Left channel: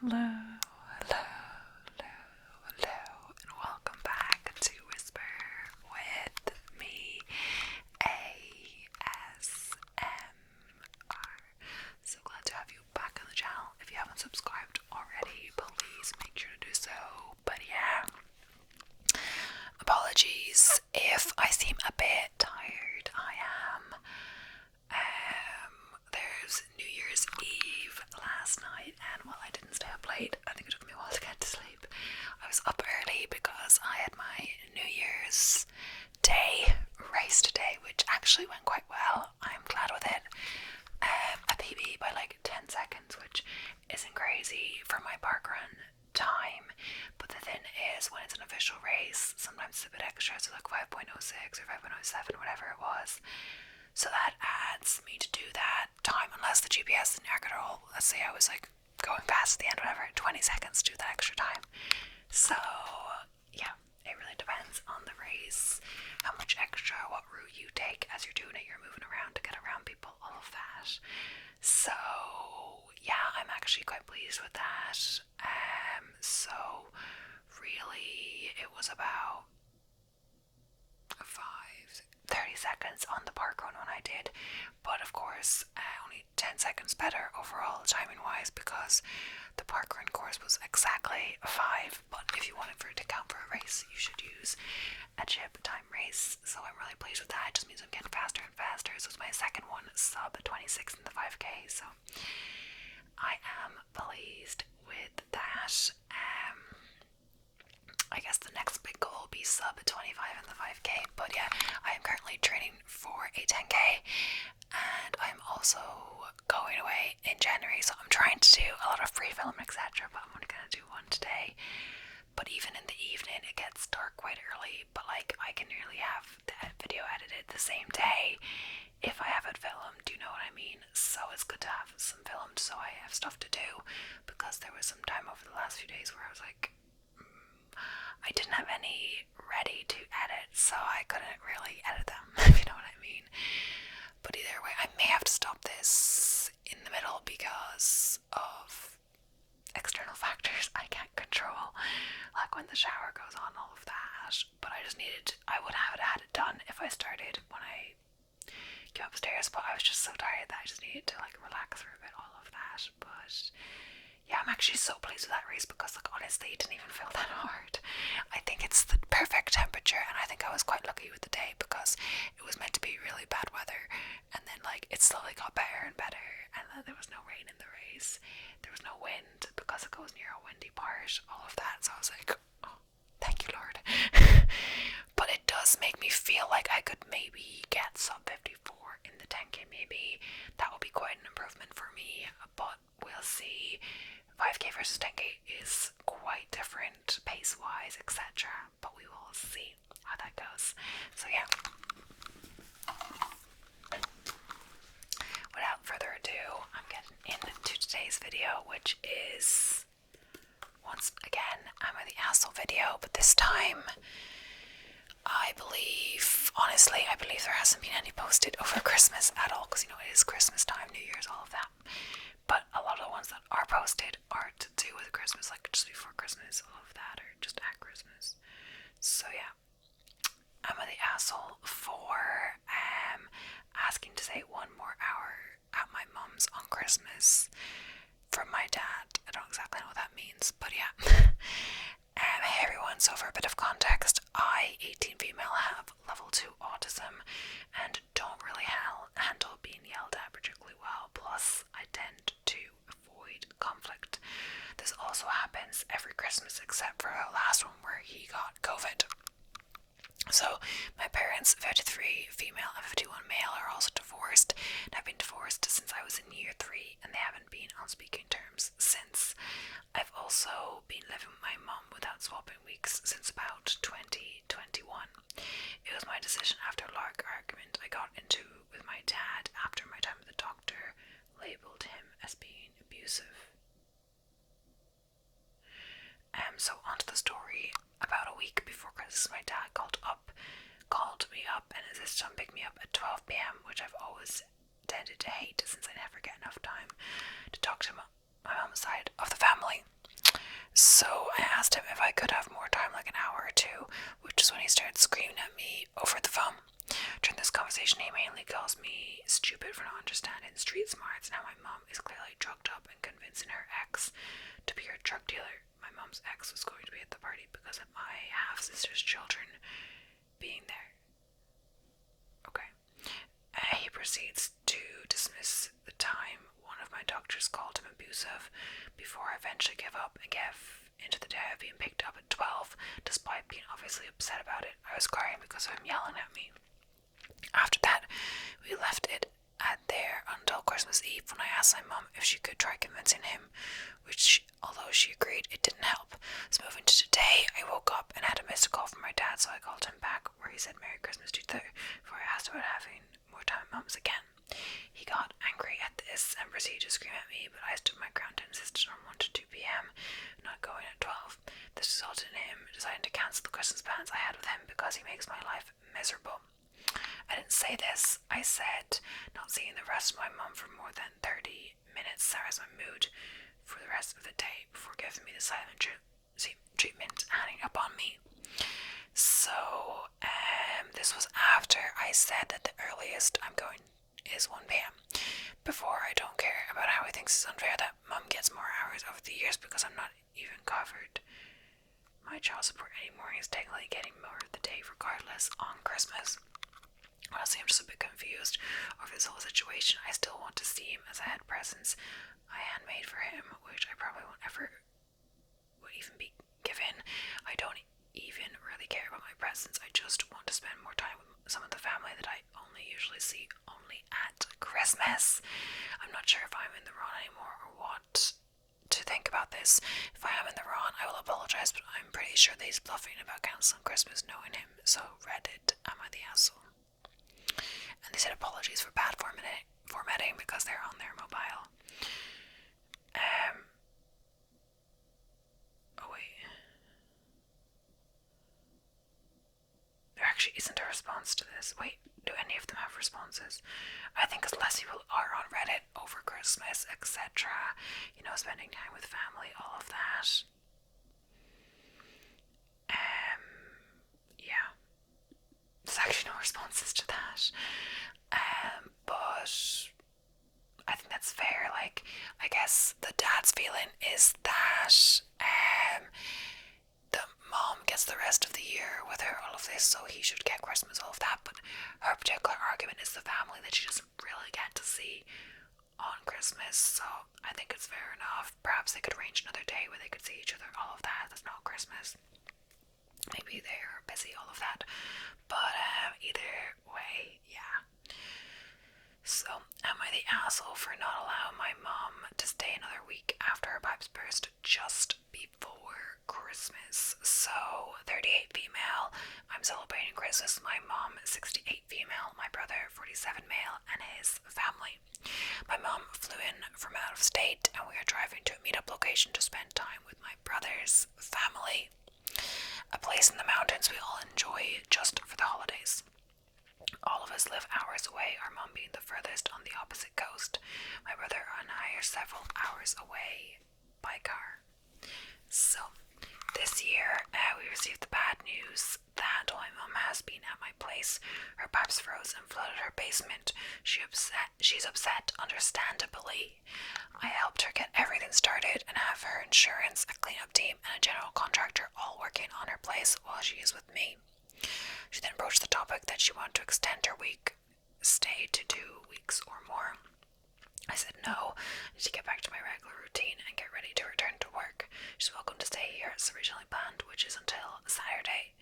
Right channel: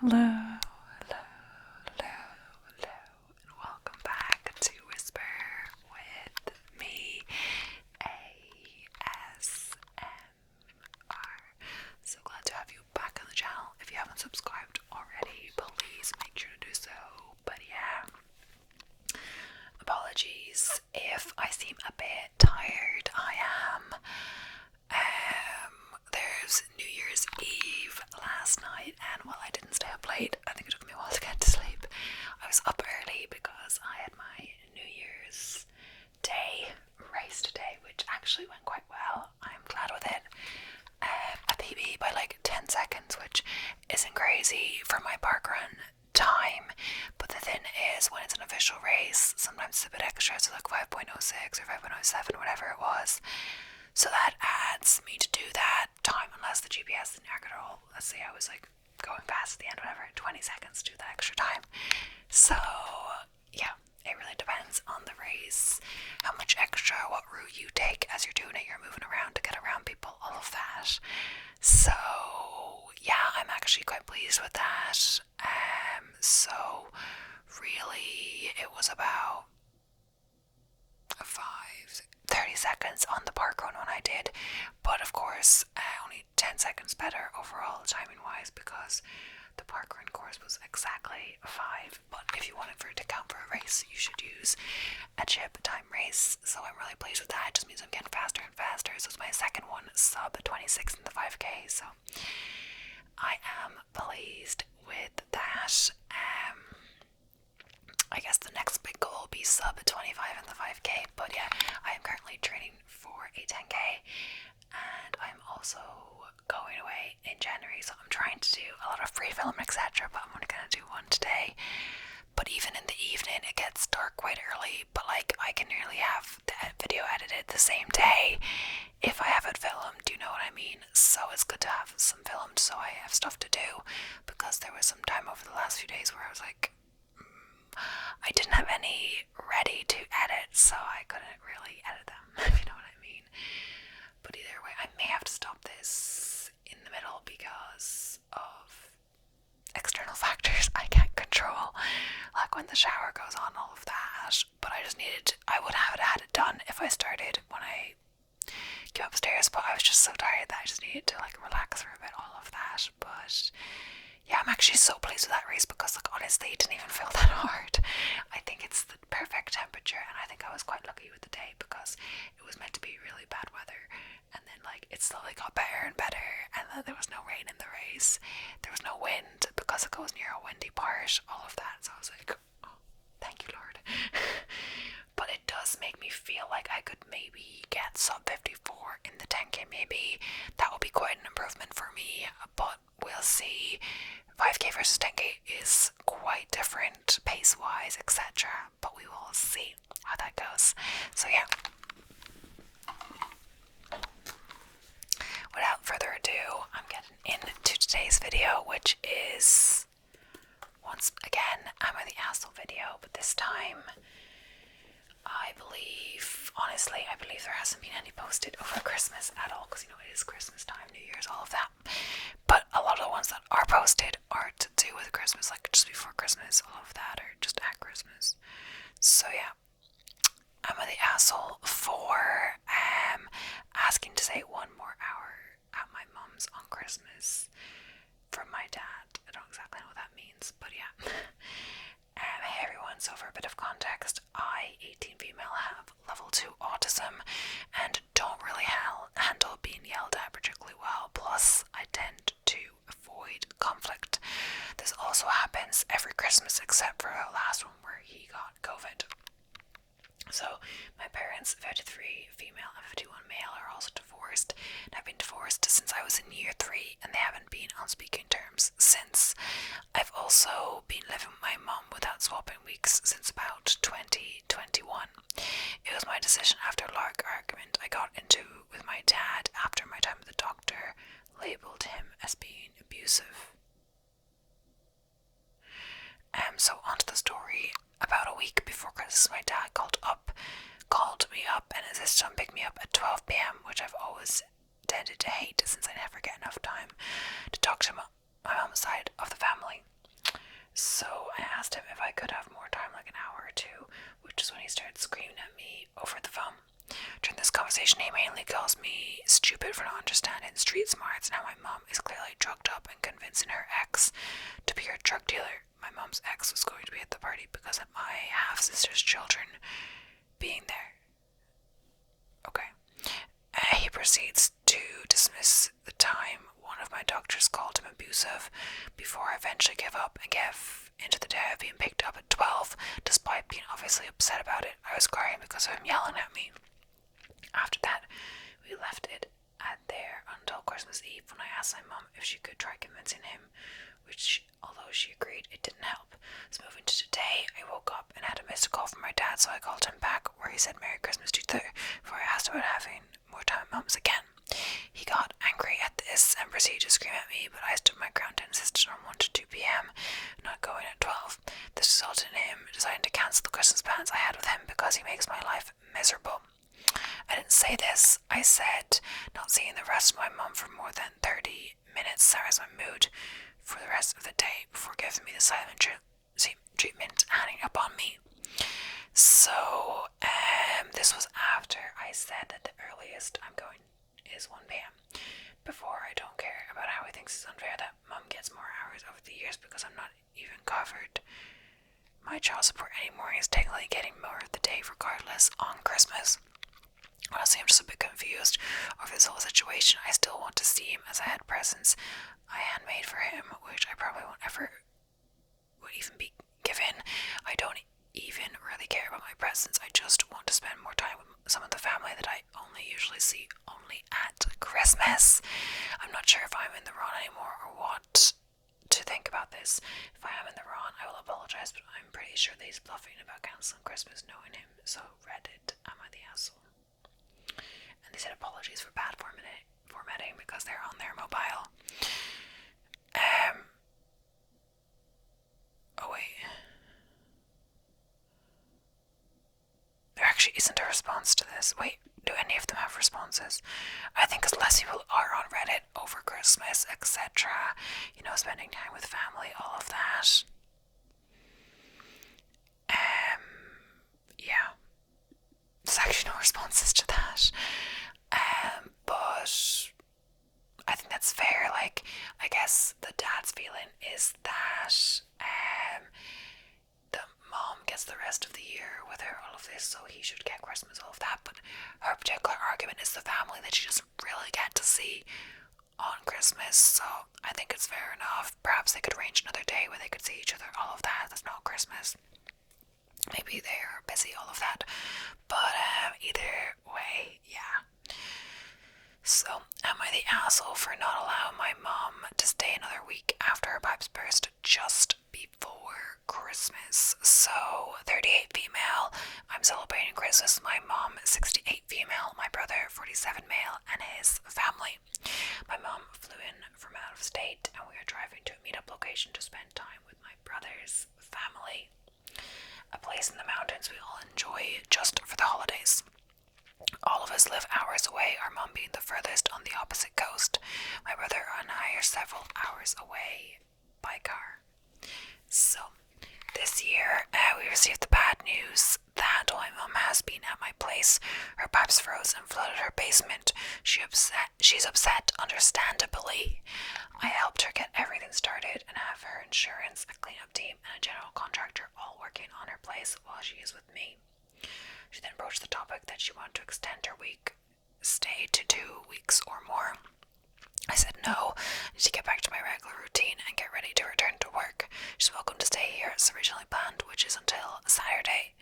Hello, hello, hello, hello, and welcome back to Whisper with me, ASMR. So glad to have you back on the channel. If you haven't subscribed already, please make sure to do so. But yeah, apologies if I seem a bit tired. I am. There's New Year's Eve last night, and while I didn't stay up late, I think it took me a while to get to sleep. I was up early because I had my New Year's Day race today, which actually went quite well. I'm glad with it. A PB by like 10 seconds, which isn't crazy for my parkrun time, but the thing is, when it's an official race, sometimes it's a bit extra, so like 5.06 or 5.07, whatever it was. So that adds me to do that time, unless the GPS didn't accurate at all. Let's say I was like going fast at the end, whatever, 20 seconds to do that extra time. So yeah, it really depends on the race, how much extra, what route you take as you're doing it. You're moving around to get around people, all of that. So yeah, I'm actually quite pleased with that. So really, it was about 30 seconds on the park run when I did, but of course only 10 seconds better overall timing wise, because the park run course was exactly 5, but if you wanted for it to count for a race, you should use a chip time race. So I'm really pleased with that. It just means I'm getting faster and faster. So it's my second one, sub 26 in the 5k, so I am pleased with that. I guess the next big goal will be sub 25 in the 5k, but yeah, I am currently training for a 10k, and I'm also going away in January, so I'm trying to do a lot of free film, etc., but I'm only going to do one today. But even in the evening, it gets dark quite early, but like I can nearly have the video edited the same day if I have it filmed, do you know what I mean? So it's good to have some filmed so I have stuff to do, because there was some time over the last few days where I was like, I didn't have any ready to edit, so I couldn't really edit them, if you know what I mean. But either way, I may have to stop this in the middle because of external factors I can't control, like when the shower goes on, all of that. But I would have had it done if I started when I came upstairs, but I was just so tired that I just needed to like relax for a bit, all of that. But yeah, I'm actually so pleased with that race because like honestly it didn't even feel that hard. I think it's the perfect temperature, and I think I was quite lucky with the day because it was meant to be really bad weather, and then like it slowly got better and better, and then there was no rain in the race, there was no wind because it goes near a windy part, all of that. So I was like, oh, thank you Lord. But it does make me feel like I could maybe get sub 54 in the 10k. Maybe that will be quite an improvement for me, but we'll see. 5k versus 10k is quite different pace wise, etc., but we will see how that goes. So yeah, without further ado, I'm getting into today's video, which is once again I'm in the Assel video, but this time I believe there hasn't been any posted over Christmas at all, because you know it is Christmas time, New Year's, all of that. But a lot of the ones that are posted are to do with Christmas, like just before Christmas, all of that, or just at Christmas. So yeah, I'm at the asshole for asking to stay one more hour at my mum's on Christmas from my dad. I don't exactly know what that means, but yeah. Hey everyone, so for a bit of context, I, 18 female, have level 2 autism and don't really handle being yelled at particularly well, plus I tend to avoid conflict. This also happens every Christmas except for the last one where he got COVID. So my parents, 53 female and 51 male, are also divorced, and have been divorced since I was in year 3, and they haven't been on speaking terms since. I've also been living with my mum without swapping weeks since about 2021. It was my decision after a large argument I got into with my dad after my time with the doctor labelled him as being abusive. So onto the story. About a week before Christmas, my dad called me up and insisted on picking me up at 12 p.m, which I've always tended to hate since I never get enough time to talk to my mom's side of the family. situation, he mainly calls me stupid for not understanding street smarts, and how my mom is clearly drugged up and convincing her ex to be her drug dealer. My mom's ex was going to be at the party because of my half-sister's children being there. Okay. He proceeds to dismiss the time one of my doctors called him abusive, before I eventually give up and give into the day of being picked up at 12, despite being obviously upset about it. I was crying because of him yelling at me. After that, we left it at there until Christmas Eve, when I asked my mum if she could try convincing him, which, although she agreed, it didn't help. So moving to today, I woke up and had a missed call from my dad, so I called him back, where he said Merry Christmas to you, before I asked about having more time at mum's again. He got angry at this and proceeded to scream at me, but I stood my ground and insisted on 1 to 2 p.m, not going at 12. This resulted in him deciding to cancel the Christmas plans I had with him because he makes my life miserable. I didn't say this. I said not seeing the rest of my mum for more than 30 minutes sours my mood for the rest of the day, before giving me the silent treatment and hanging up on me. So, this was after I said that the earliest I'm going is 1 p.m. Before, I don't care about how he thinks it's unfair that mum gets more hours over the years because I'm not even covered my child support anymore. He's technically getting more of the day regardless on Christmas. Honestly, I'm just a bit confused over this whole situation. I still want to see him, as I had presents I handmade for him, which I probably won't ever would even be given. I don't even really care about my presents. I just want to spend more time with some of the family that I only usually see only at Christmas. I'm not sure if I'm in the wrong anymore or what to think about this. If I am in the wrong, I will apologize, but I'm pretty sure that he's bluffing about cancelling Christmas knowing him. So Reddit, am I the asshole? And they said apologies for bad formatting because they're on their mobile. Oh wait. There actually isn't a response to this. Wait, do any of them have responses? I think because less people are on Reddit over Christmas, etc. Spending time with family, all of that. Yeah. There's actually no responses to that. But I think that's fair. Like, I guess the dad's feeling is that the mom gets the rest of the year with her, all of this, so he should get Christmas, all of that. But her particular argument is the family that she doesn't really get to see on Christmas, so I think it's fair enough. Perhaps they could arrange another day where they could see each other, all of that. That's not Christmas. Maybe they are busy, all of that. But either way, yeah. So, am I the asshole for not allowing my mom to stay another week after her pipes burst just before Christmas? So, 38 female, I'm celebrating Christmas with my mom, 68 female, my brother, 47 male, and his family. My mom flew in from out of state, and we are driving to a meetup location to spend time with my brother's family. A place in the mountains we all enjoy just for the holidays. All of us live hours away, our mom being the furthest on the opposite coast. My brother and I are several hours away by car. So, this year, we received the bad news that while my mom has been at my place, her pipes froze and flooded her basement. She's upset, understandably. I helped her get everything started and have her insurance, a cleanup team, and a general contractor all working on her place while she is with me. She then broached the topic that she wanted to extend her week stay to 2 weeks or more. I said no, I need to get back to my regular routine and get ready to return to work. She's welcome to stay here as originally planned, which is until Saturday.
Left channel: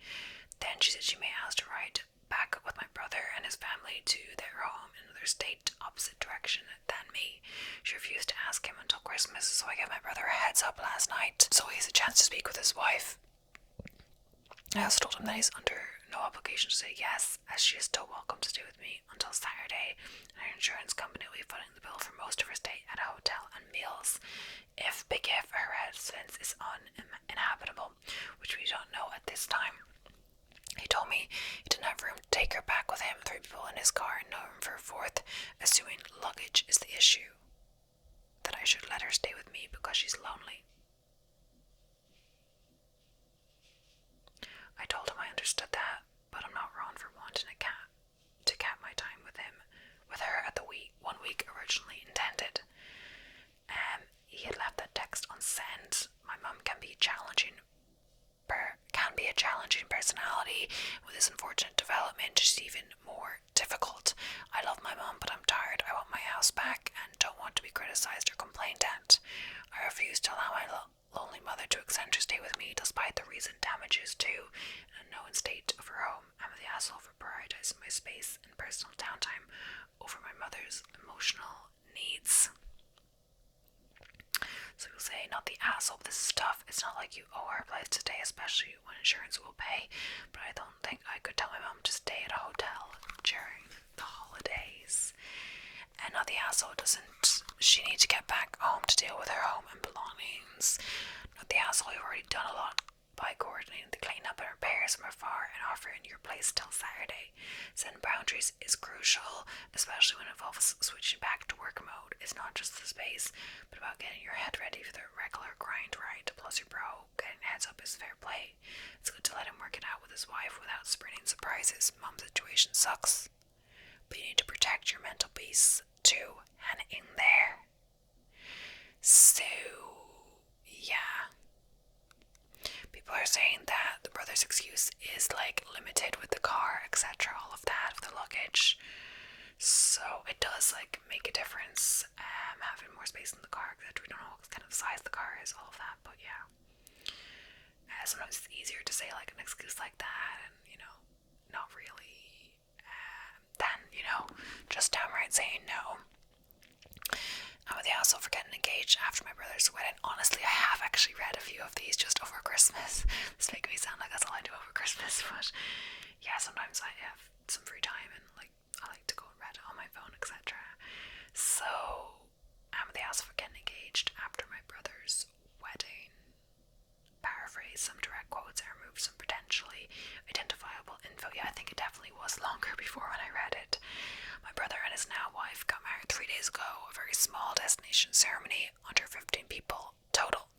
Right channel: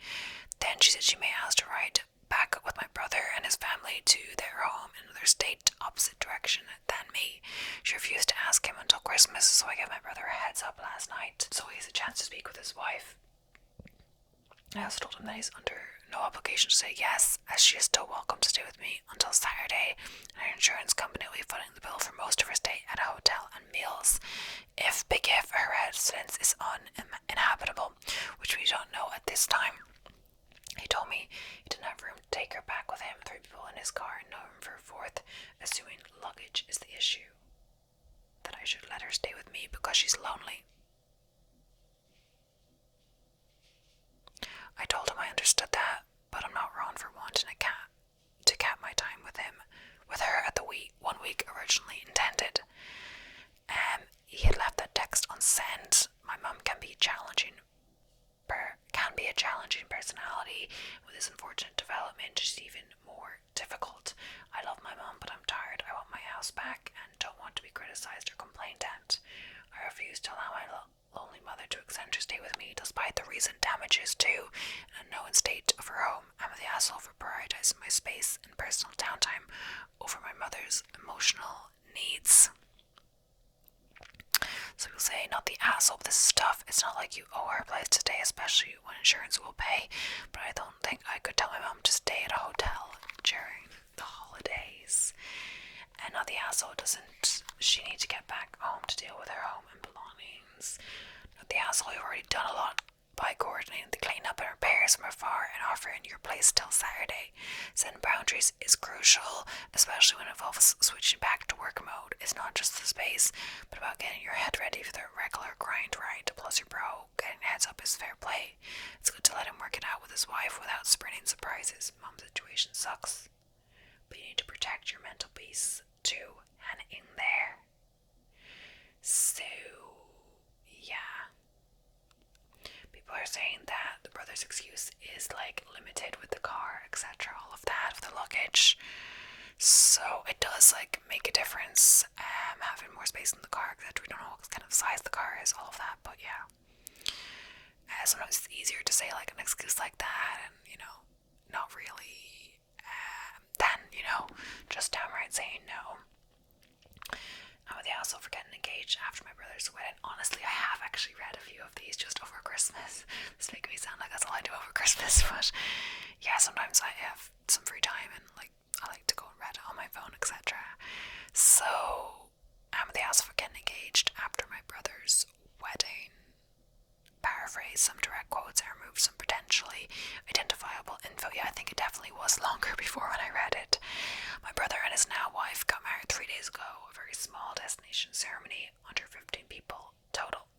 Then she said she may ask to ride back with my brother and his family to their home in another state, opposite direction than me. She refused to ask him until Christmas, so I gave my brother a heads up last night, so he has a chance to speak with his wife. I also told him that he's under no obligation to say yes, as she is still welcome to stay with me until Saturday, and her insurance company will be footing the bill for most of her stay at a hotel and meals. If her residence is uninhabitable, which we don't know at this time. He told me he didn't have room to take her back with him, 3 people in his car and no room for a 4th, assuming luggage is the issue. That I should let her stay with me because she's lonely. I told him I understood that, but I'm not wrong for wanting to cap my time with emotional needs. So people say, not the asshole, this is tough. It's not like you owe her a place to stay, especially when insurance will pay. But I don't think I could tell my mom to stay at a hotel during the holidays. And not the asshole, doesn't she need to get back home to deal with her home and belongings? Not the asshole, you've already done a lot by coordinating the cleanup and repairs from afar and offering your place till Saturday. Setting boundaries is crucial, especially when it involves switching back to work mode. It's not just the space, but about getting your head ready for the regular grind, right? Plus your bro getting heads up is fair play. It's good to let him work it out with his wife without sprinting surprises. Mom's situation sucks, but you need to protect your mental peace too. And in there. So, yeah. People are saying that the brother's excuse is like limited with the car, etc., all of that, with the luggage. So it does like make a difference, having more space in the car, etc. We don't know what kind of size the car is, all of that, but yeah. Sometimes it's easier to say like an excuse like that, and not really, than just downright saying no. I'm with the asshole for getting engaged after my brother's wedding. Honestly, I have actually read a few of these just over Christmas. It's making me sound like that's all I do over Christmas, but yeah, sometimes I have some free time and like I like to go and read it on my phone, etc. So I'm with the asshole for getting engaged after my brother's wedding. Paraphrase some direct quotes and remove some potentially identifiable info. Yeah, I think it definitely was longer before when I read it. My brother and his now wife got married 3 days ago, a very small destination ceremony, under 15 people total.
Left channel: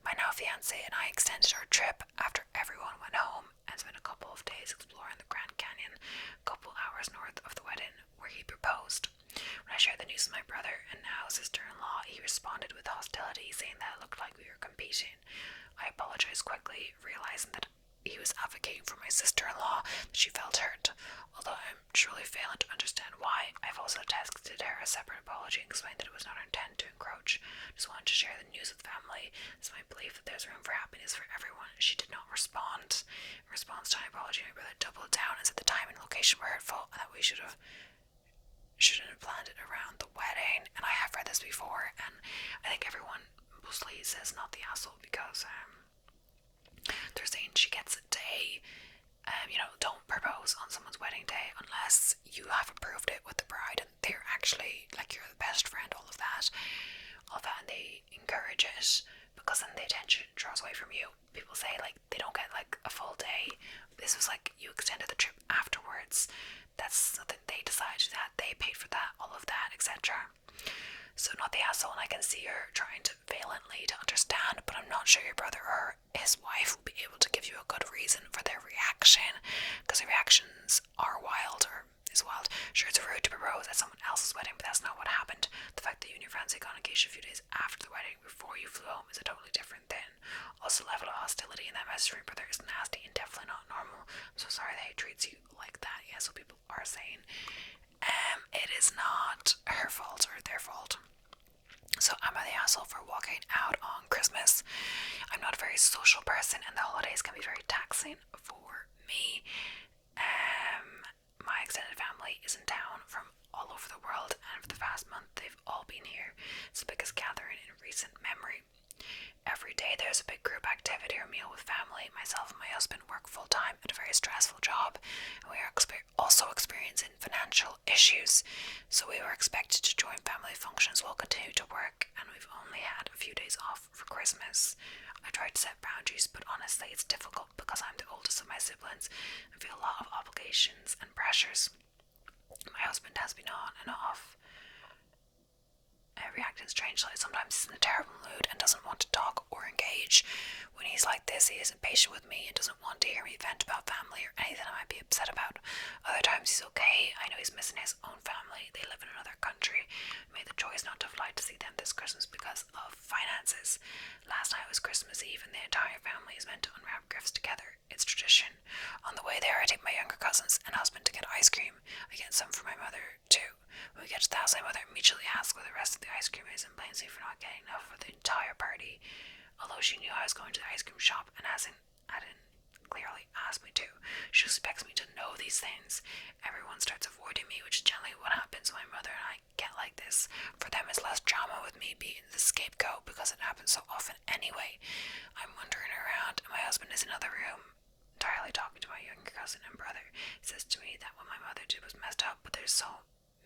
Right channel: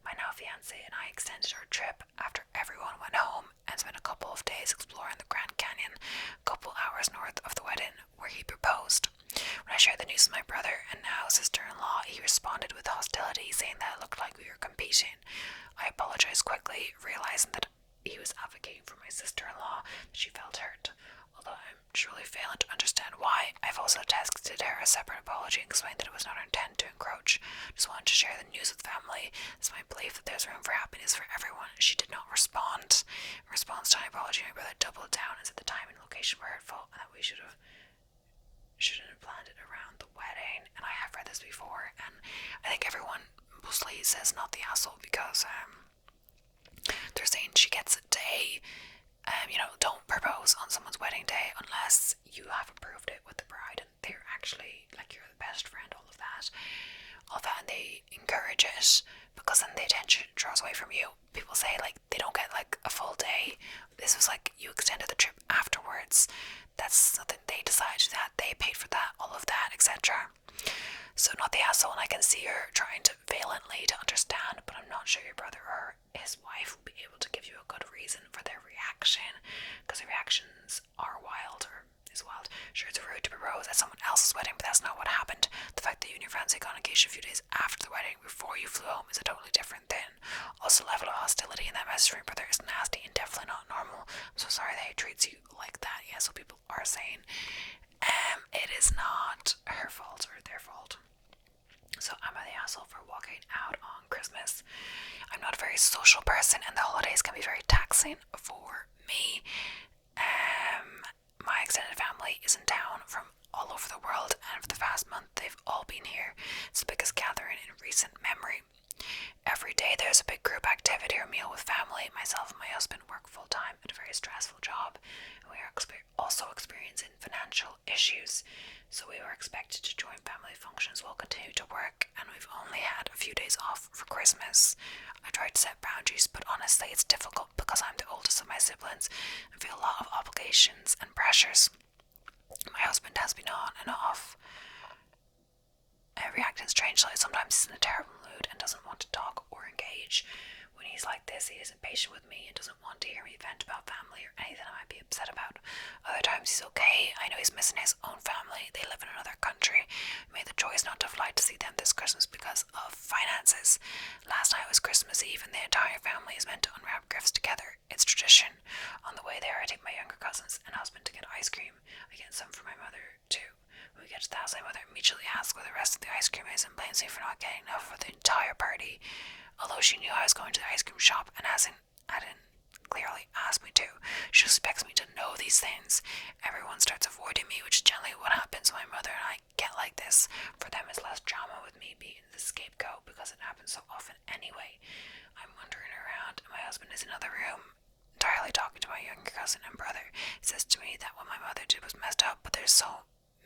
My now fiance and I extended our trip after everyone went home and spent a couple of days exploring the Grand Canyon, a couple hours north of the wedding, where he proposed. When I shared the news with my brother and now sister-in-law, he responded with hostility, saying that it looked like we were competing. I apologized quickly, realizing that he was advocating for my sister-in-law, that she felt hurt. Although I'm truly failing to understand why, I've also texted her a separate apology and explained that it was not our intent to encroach. Just wanted to share the news with family. It's my belief that there's room for happiness for everyone. She did not respond. In response to my apology, my brother doubled down and said the time and location were hurtful and that we shouldn't have planned it around the wedding. And I have read this before, and I think everyone mostly says not the asshole because they're saying she gets a day. Don't propose on someone's wedding day unless you have approved it with the bride and they're actually like you're the best friend, all of that, and they encourage it because then the attention draws away from you. People say like they don't get like a full day. This was like you extended the trip afterwards. That's nothing they decided that they paid for that, all of that, etc. So not the asshole, and I can see her trying to valiantly to understand, but I'm not sure your brother or his wife will be able to give you a good reason for their reaction, because their reactions are wild, or is wild. Sure, it's rude to propose at someone else's wedding, but that's not what happened. The fact that you and your fiancé got engaged a few days after the wedding, before you flew home, is a totally different thing. Also, the level of hostility in that message from your brother is nasty and definitely not normal. I'm so sorry that he treats you like that. Yeah, so people are saying it is not her fault or their fault. So am I the asshole for walking out on Christmas? I'm not a very social person and the holidays can be very taxing for me. My extended family is in town from all over the world, and for the past month they've all been here. It's the biggest gathering in recent memory. Every day there's a big group activity or meal with family. Myself and my husband work full-time at a very stressful job, and we are also experiencing financial issues. So we were expected to join family functions while continue to work, and we've only had a few days off for Christmas. I tried to set boundaries, but honestly it's difficult because I'm the oldest of my siblings and feel a lot of obligations and pressures. My husband has been on and off, reacting strangely. Sometimes he's in a terrible mood and doesn't want to talk or engage. When he's like this, he is impatient with me and doesn't want to hear me vent about family or anything I might be upset about. Other times he's okay. I know he's missing his own family. They live in another country. We made the choice not to fly to see them this Christmas because of finances. Last night was Christmas Eve and the entire family is meant to unwrap gifts together. It's tradition. On the way there, I take my younger cousins and husband to get ice cream. I get some for my mother too. When we get to the house, my mother immediately asks where the rest of the ice cream is and blames me for not getting enough for the entire party. Although she knew I was going to the ice cream shop and hadn't clearly asked me to, she expects me to know these things. Everyone starts avoiding me, which is generally what happens when my mother and I get like this. so often anyway. I'm wandering around, and my husband is in another room, entirely talking to my younger cousin and brother. He says to me that what my mother did was messed up, but there's so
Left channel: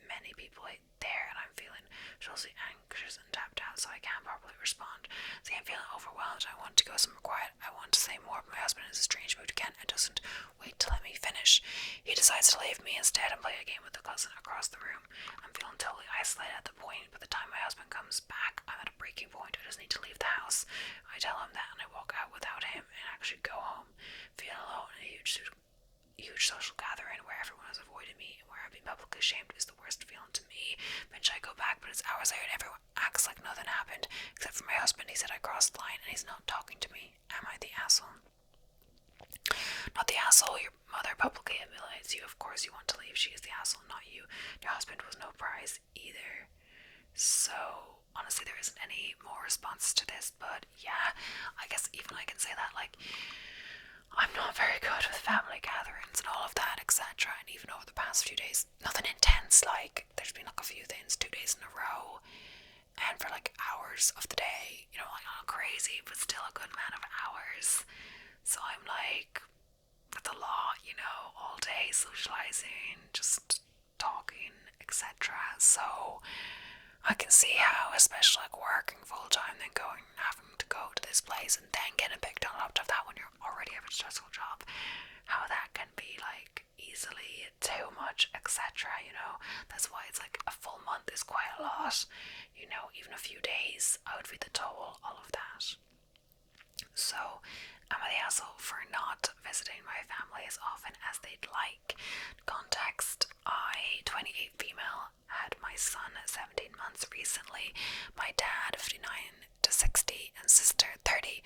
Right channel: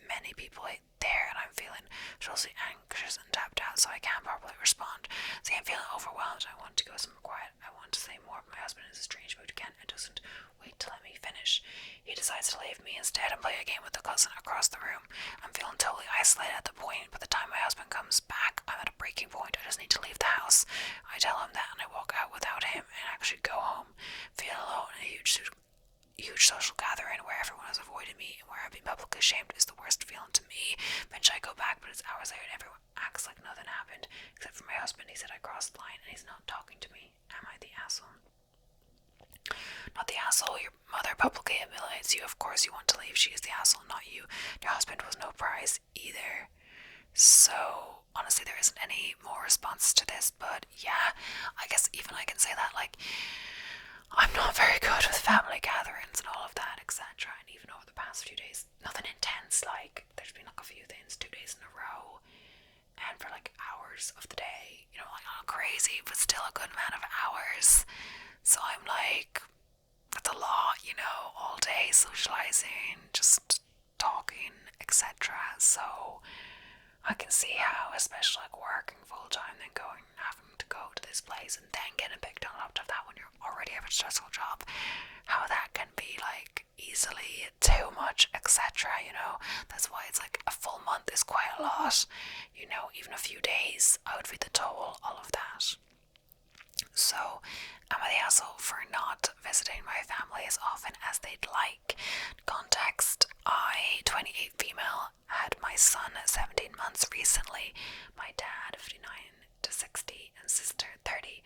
many people there, and I'm feeling socially anxious and tapped out, so I can't properly respond. See, I'm feeling overwhelmed. I want to go somewhere quiet. I want to say more, but my husband is in a strange mood again and doesn't wait to let me finish. He decides to leave me instead and play a game with the cousin across the room. I'm feeling totally isolated at the point. By the time my husband comes back, I'm at a breaking point. I just need to leave the house. I tell him that, and I walk out without him and actually go home, feeling alone in a huge social gathering where everyone has avoided me and where I've been publicly shamed is the worst feeling to me. Eventually I go back, but it's hours later and everyone acts like nothing happened, except for my husband. He said I crossed the line and he's not talking to me. Am I the asshole? Not the asshole. Your mother publicly humiliates you. Of course you want to leave. She is the asshole, not you. Your husband was no prize either. So honestly, there isn't any more response to this, but yeah, I guess even I can say that, like, I'm not very good with family gatherings and all of that, etc. And even over the past few days, nothing intense, like, there's been like a few things, 2 days in a row, and for like hours of the day, you know, like not crazy, but still a good amount of hours. So I'm like, that's a lot, you know, all day socializing, just talking, etc. So I can see how, especially like working full time, then having to go to this place and then getting picked on top of that when you're already have a stressful job, how that can be like easily too much, etc. You know, that's why it's like a full month is quite a lot. You know, even a few days, I would read the toll, all of that. So, am I the asshole for not visiting my family as often as they'd like? Context: I, 28 female, had my son 17 months recently. My dad, 59 to 60, and sister, 30.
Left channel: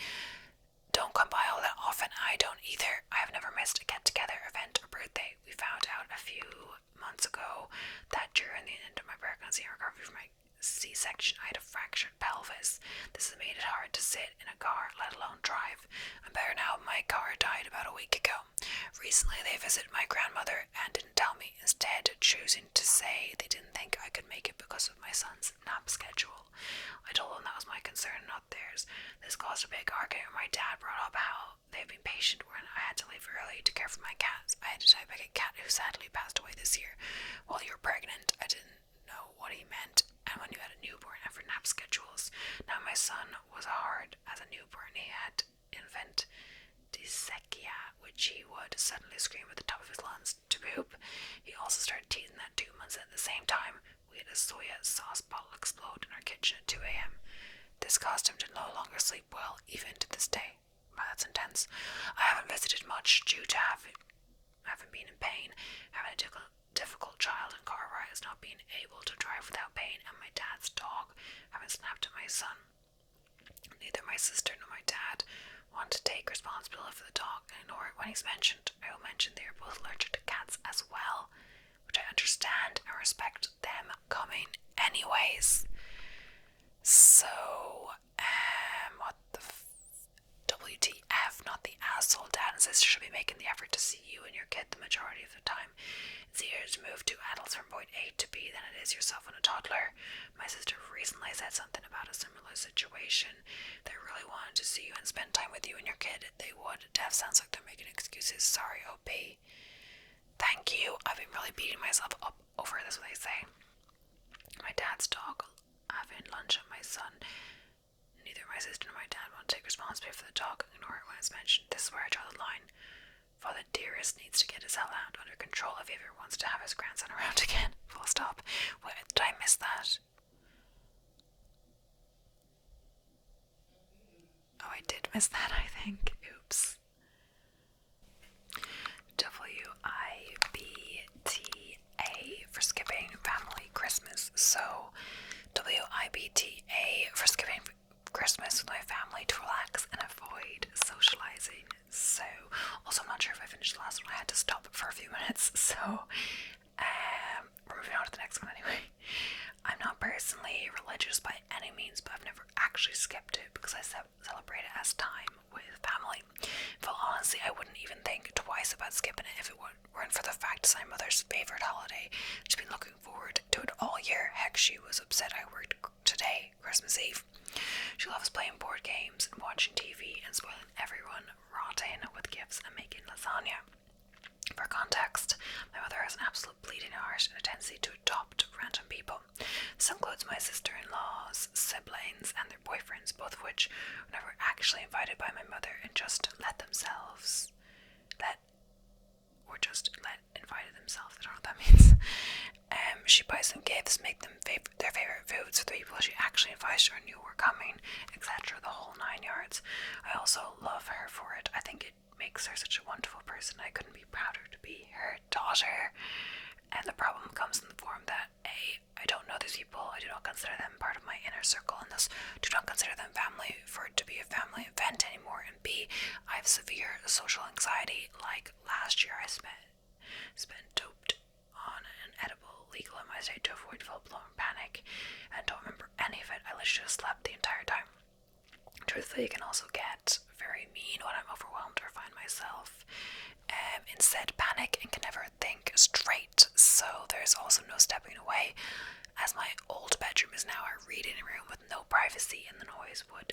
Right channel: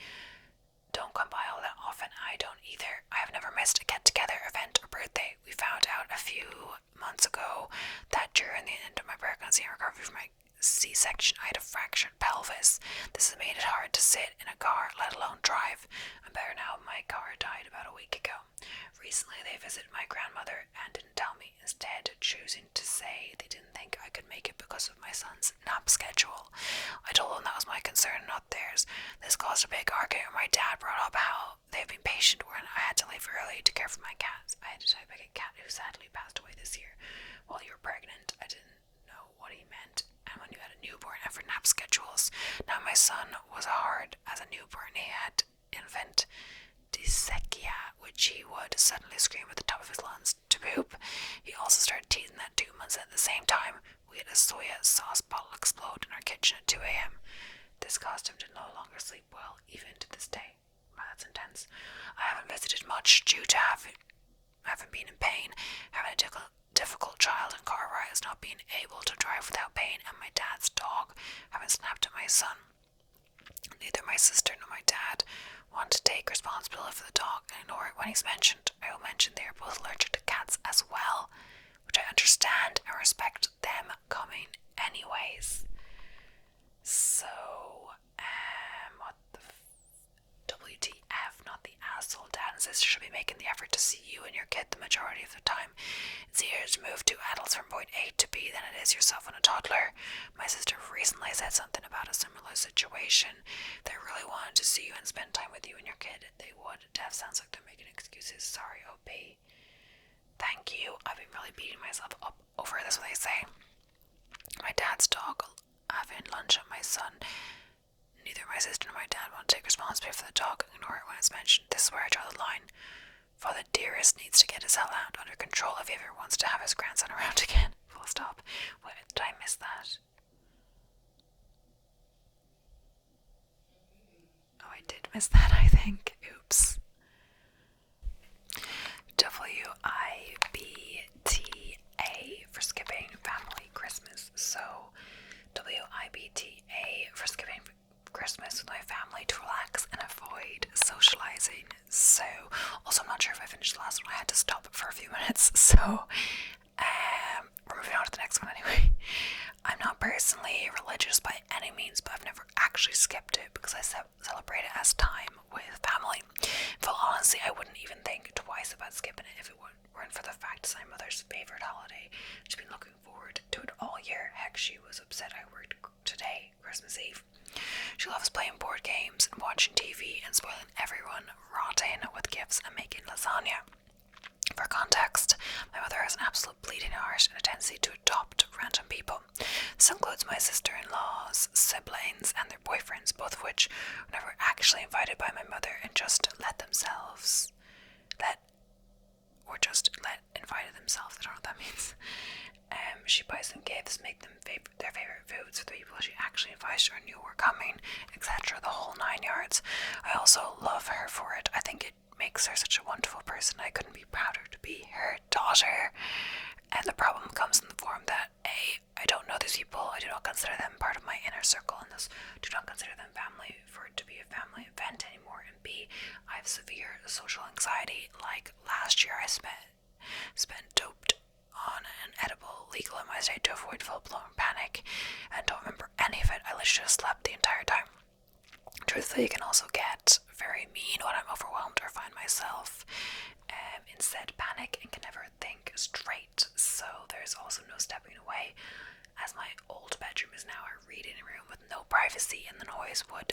Don't come by all that often. I don't either. I have never missed a get-together, event, or birthday. We found out a few months ago that during the end of my pregnancy and recovery from my C-section, I had a fractured pelvis. This has made it hard to sit in a car, let alone drive. I'm better now. My car died about a week ago. Recently, they visited my grandmother and didn't tell me, instead choosing to say they didn't think I could make it because of my son's nap schedule. I told them that was my concern, not theirs. This caused a big argument. My dad brought up how they've been patient when I had to leave early to care for my cats. I had a diabetic cat who sadly passed away this year. While you were pregnant, I didn't know what he meant. And when you had a newborn and for nap schedules. Now my son was hard as a newborn. He had infant dyslexia, which he would suddenly scream at the top of his lungs to poop. He also started teething at 2 months at the same time. We had a soya sauce bottle explode in our kitchen at 2 a.m. This caused him to no longer sleep well, even to this day. Wow, that's intense. I haven't visited much due to having been in pain, having a difficult child and car rides, not being able to drive without pain, and my dad's dog having snapped at my son. Neither my sister nor my dad want to take responsibility for the dog and ignore it when he's mentioned. I will mention they are both allergic to cats as well, which I understand and respect them coming anyways. So, what the WTF, not the asshole. Dad and sister should be making the effort to see you and your kid the majority of the time. It's easier to move two adults from point A to B than it is yourself and a toddler. My sister recently said something about a similar situation. If they really wanted to see you and spend time with you and your kid, they would. Dev sounds like they're making excuses. Sorry, OP. Thank you. I've been really beating myself up over this, what they say. My dad's dog having lunch at my son. Neither my sister nor my dad want to take responsibility for the dog and ignore it when it's mentioned. This is where I draw the line. Father Dearest needs to get his hell out under control if he ever wants to have his grandson around again. Full stop. Wait, did I miss that? Oh, I did miss that, I think. Oops. WIBTA for skipping family Christmas. So, WIBTA for skipping Christmas with my family to relax and avoid socializing. So, also I'm not sure if I finished the last one. I had to stop for a few minutes. So, we're moving on to the next one anyway. I'm not personally religious by any means, but I've never actually skipped it because I celebrate it as time with family. In full honesty, I wouldn't even think twice about skipping it if it weren't for the fact it's my mother's favorite holiday. She's been looking forward to it all year. Heck, she was upset I worked today, Christmas Eve. She She loves playing board games and watching TV and spoiling everyone, rotting with gifts and making lasagna. For context, my mother has an absolute bleeding heart and a tendency to adopt random people. This includes my sister-in-laws, siblings, and their boyfriends, both of which were never actually invited by my mother and just invited themselves. I don't know what that means. She buys them gifts, make them their favorite foods for the people she actually invited or knew were coming, etc. The whole 9 yards. I also love her for it. I think it makes her such a wonderful person. I couldn't be prouder to be her daughter. And the problem comes in the form that A, I don't know these people, I do not consider them part of my inner circle, and thus do not consider them family for it to be a family event anymore. And B, I have severe social anxiety. Like last year I spent doped on an edible legal in my state to avoid full-blown panic, and don't remember any of it. I literally just slept the entire time. Truthfully, it can also get very mean when I'm overwhelmed or find myself instead panic and can never think straight. So there's also no stepping away, as my old bedroom is now a reading room with no privacy, and the noise would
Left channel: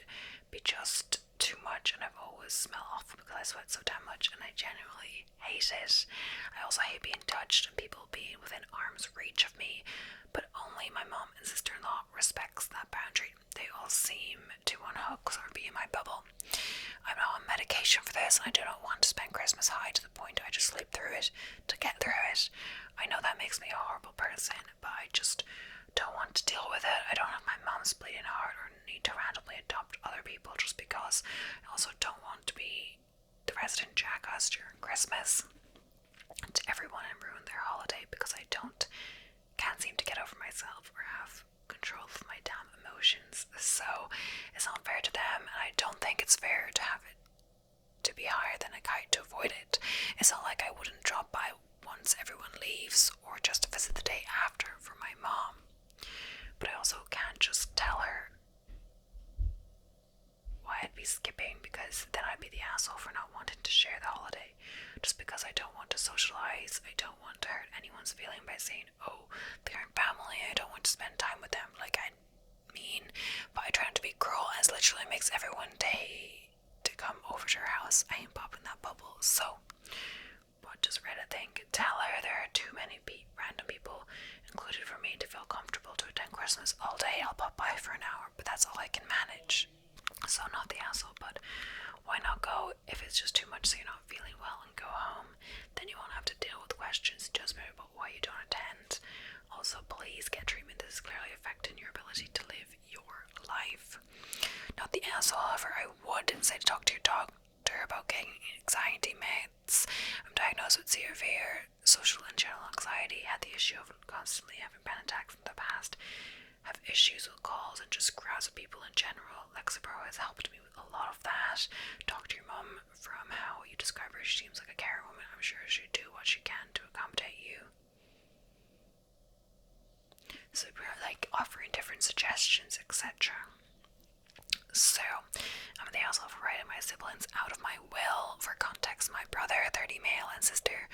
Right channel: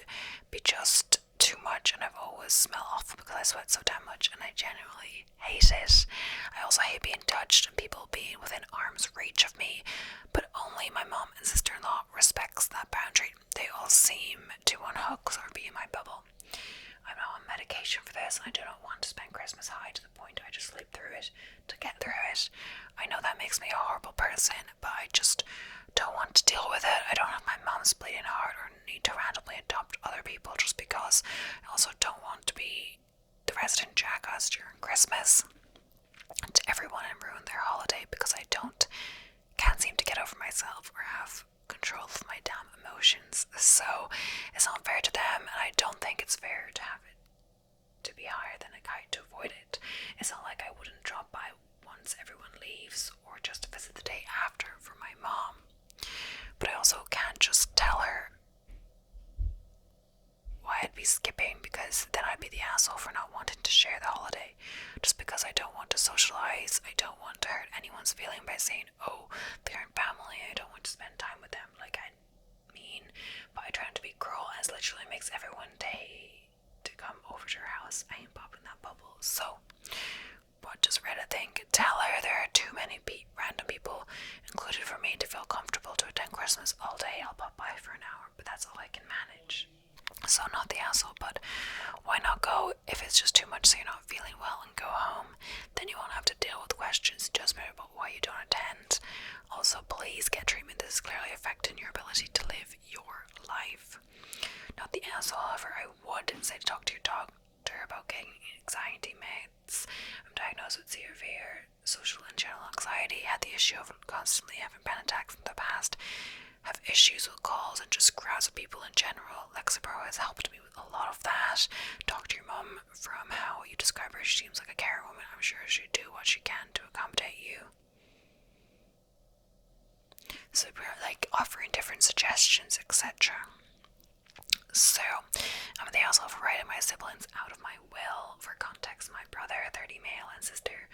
be just too much, and I've always smell awful because I sweat so damn much, and I genuinely hate it. I also hate being touched and people being within arm's reach of me, but only my mom and sister-in-law respects that boundary. They all seem to unhook or be in my bubble. I'm now on medication for this, and I do not want to spend Christmas high to the point I just sleep through it to get through it. I know that makes me a horrible person, but I just don't want to deal with it. I don't have my mom's bleeding heart or need to randomly adopt other people just because. I also don't want to be the resident jackass during Christmas to everyone and ruin their holiday because I can't seem to get over myself or have control of my damn emotions. So it's not fair to them, and I don't think it's fair to have it to be higher than a kite to avoid it. It's not like I wouldn't drop by once everyone leaves or just to visit the day after for my mom. But I also can't just tell her why I'd be skipping, because then I'd be the asshole for not wanting to share the holiday. Just because I don't want to socialize, I don't want to hurt anyone's feeling by saying, oh, they're in family, I don't want to spend time with them. Like, I mean, but I try not to be cruel, as literally makes everyone day to come over to her house. I ain't popping that bubble. So, what does Reddit think? Tell her there are too many random people included for me to feel comfortable to attend Christmas all day. I'll pop by for an hour, but that's all I can manage. So not the asshole, but why not go if it's just too much so you're not feeling well and go home? Then you won't have to deal with questions and judgment about why you don't attend. Also, please get treatment. This is clearly affecting your ability to live your life. Not the asshole, however, I would say to talk to your doctor about getting anxiety meds. I'm diagnosed with severe social and general anxiety, had the issue of constantly having panic attacks in the past, have issues with calls and just crowds of people in general. Lexapro has helped me with a lot of that. Talk to your mum. From how you describe her, she seems like a caring woman. I'm sure she'd do what she can to accommodate you. So we're like offering different suggestions, etc. So, I'm the asshole for writing my siblings out of my will. For context, my brother, 30 male, and sister,